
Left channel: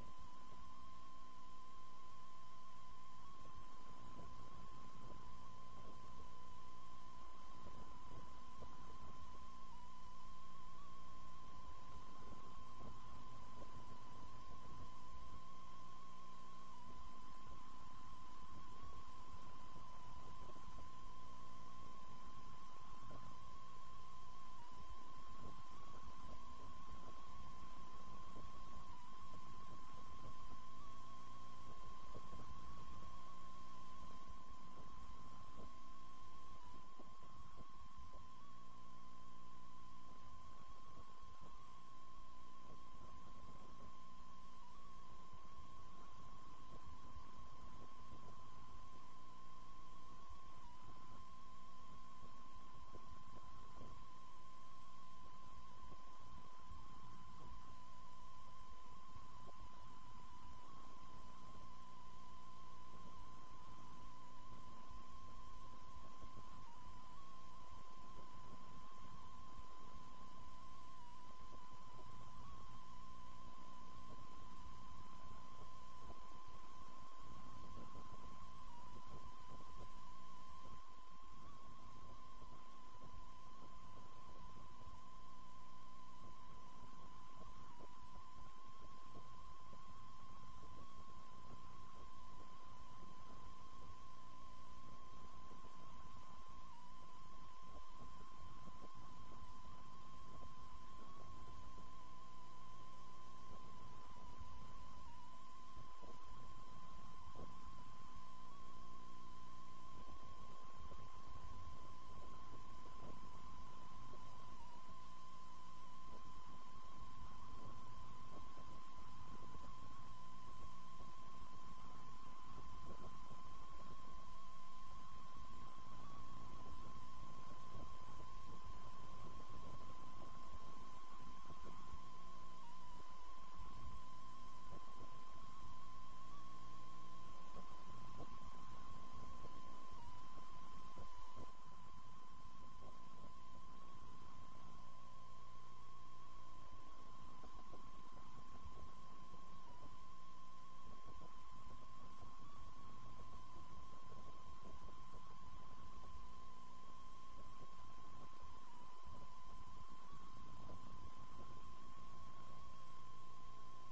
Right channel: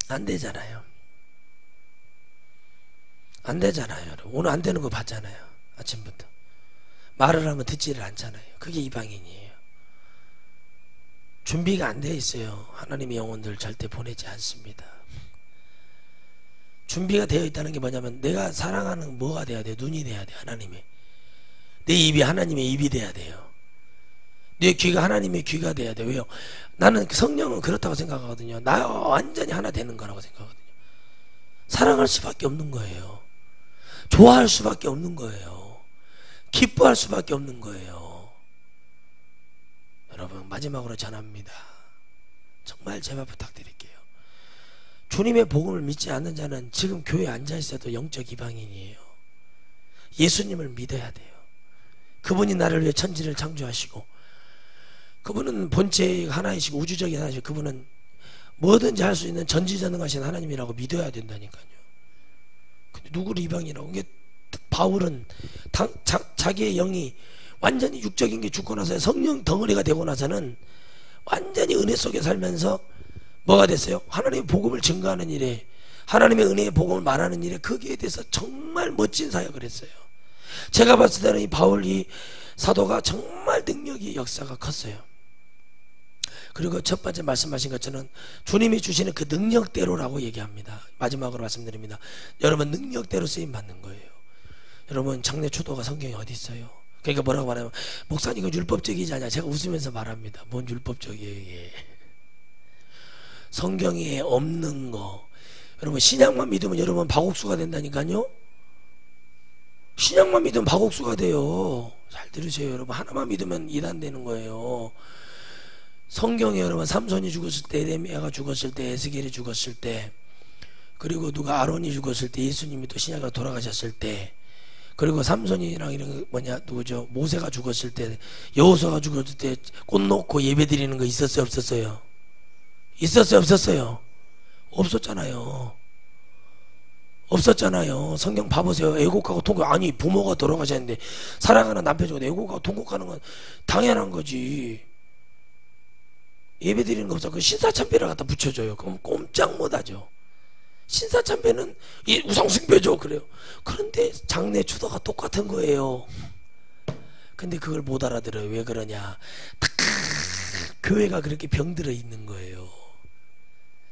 안 되잖아요. 안 되잖아요. 여러분. 오늘 안 되는 거 봤잖아요. 아침부터 말을 하면 듣지를 않잖아요. 그게 이방인이에요. 준비가 안 돼 있어요. 하나님의 영혼들 절대 보내지 않습니다. 준비가 되어 있다는 게 뭐냐면 내가 사랑하는 뭐가 돼야 돼요? 눈이 돼야 돼요. 하나님의. 내 입이 하나님의 입이 돼야 돼요. 내 귀가 하나님의 귀가 돼야 돼요. 왜요? 나는 성령은 그렇다고 생각하거든요. 나 완전히 하나 되는 거라고 생각하거든요. 사랑할 수밖에 없는 거예요. 좋아할 수밖에 없는 거예요. 기뻐할 수밖에 없는 거예요. 여러분 마지막으로 전합니다. 정말 제발 부탁드릴게요. 주님의 복음을 믿지 않는 자는 지금 교회에 앉아있어도 영적 이방인이에요. 예수님을 믿어야 돼요. 그분이 나를 위해 천지를 창조하시고 그분은 본체 하나이시고 우주적인 하나이시고 그분은 뭐든지 할 수 있는 전지전능하신 하나님이라고 믿어야 된다니까요. 근데 누구를 이방이라고? 이게 바울은 자기의 영이 완전히 육적인 게 죽고 나서 성령 덩어리가 되고 나서는 완전히 은혜 속에 살면서 뭐가 됐어요? 하나님의 복음을 증거하는 일에, 하나님의 은혜의 복음을 말하는 일에 거기에 대해서 정말 멋진 사역을 했어요. 제가 봤을 때는 이 바울 이 사도가 정말 능력이 역사가 컸어요. 그리고 첫 번째 말씀하신 것처럼 주님이 주시는 그 능력대로라고 얘기합니다. 마지막으로 말씀드립니다. 여러분 능력대로 쓰임 받는 거예요. 여러분 장래 초도가 성경에 어디 있어요? 그러니까 뭐라고 말하면 목사님 이거 율법적이지 않냐? 제가 웃으면서 말합니다. 뭔 율법적이에요 이게. 성경에 없는 거. 여러분 신약만 믿으면 여러분 박옥수가 된다니까요. 신약만 믿으면 박옥수가 돼요. 잘 들으세요 여러분. 하나만 믿으면 이단 되는 거예요. 성경에 여러분 삼손이 죽었을 때, 에레미야가 죽었을 때, 에스겔이 죽었을 때, 그리고 누가 아론이 죽었을 때, 예수님이 또 신약으로 돌아가셨을 때, 그리고 삼손이랑 이런 뭐냐 누구죠? 모세가 죽었을 때, 여호수아가 죽었을 때 꽃 놓고 예배 드리는 거 있었어요 없었어요? 있었어요 없었어요? 없었잖아요. 없었잖아요. 성경 봐보세요. 애곡하고 통곡. 아니 부모가 돌아가셨는데 사랑하는 남편 죽었는데 애곡하고 통곡하는 건 당연한 거지. 예배 드리는 거 없어. 그 신사참배를 갖다 붙여줘요. 그럼 꼼짝 못하죠. 신사참배는 우상숭배죠. 그래요. 그런데 장래 추도가 똑같은 거예요. 근데 그걸 못 알아들어요. 왜 그러냐? 딱 교회가 그렇게 병들어 있는 거예요.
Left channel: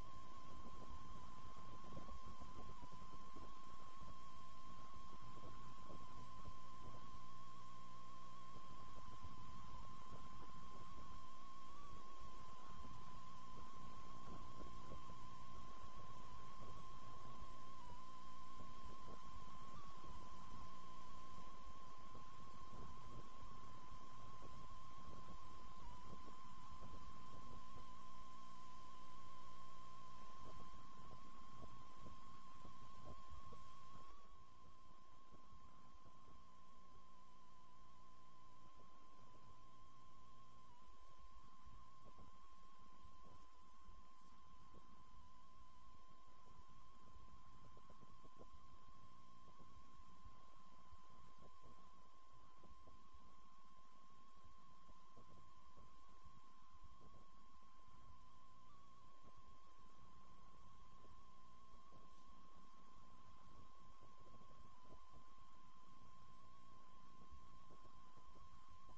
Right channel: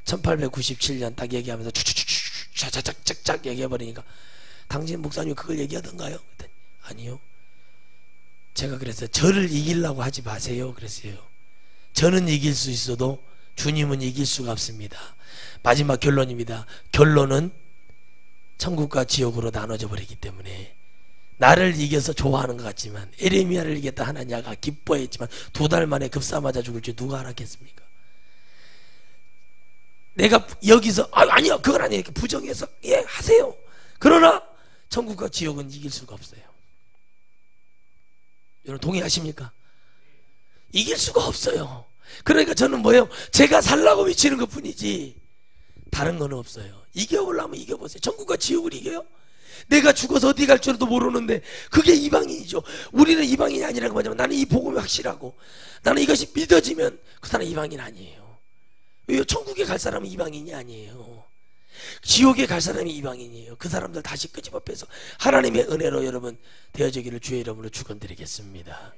1897년 딱 얘기하면서 쫙쫙쫙쫙 얘기해버리니까 당신 목사님 그걸 얘기하던가요? 아니요. 제가 그래서 저를 이기려고 하지 마세요 그랬어요. 저는 이길 수 있어도 주님은 이길 수가 없습니다. 마지막 결론입니다. 결론은 천국과 지옥으로 나눠져 버리기 때문에 나를 이겨서 좋아하는 것 같지만 에레미야를 이겼다 하나냐가 기뻐했지만 2달 만에 급사 맞아 죽을 줄 누가 알았겠습니까? 내가 여기서 아니요 그건 아니에요 이렇게 부정해서 예 하세요. 그러나 천국과 지옥은 이길 수가 없어요. 여러분 동의하십니까? 이길 수가 없어요. 그러니까 저는 뭐예요? 제가 살라고 외치는 것 뿐이지 다른 건 없어요. 이겨보려면 이겨보세요. 천국과 지옥을 이겨요? 내가 죽어서 어디 갈 줄도 모르는데 그게 이방인이죠. 우리는 이방인이 아니라는 거 뭐냐면 나는 이 복음이 확실하고 나는 이것이 믿어지면 그 사람은 이방인 아니에요. 왜요? 천국에 갈 사람은 이방인이 아니에요. 지옥에 갈 사람이 이방인이에요. 그 사람들 다시 끄집어 빼서 하나님의 은혜로 여러분 되어지기를 주의 이름으로 축원드리겠습니다.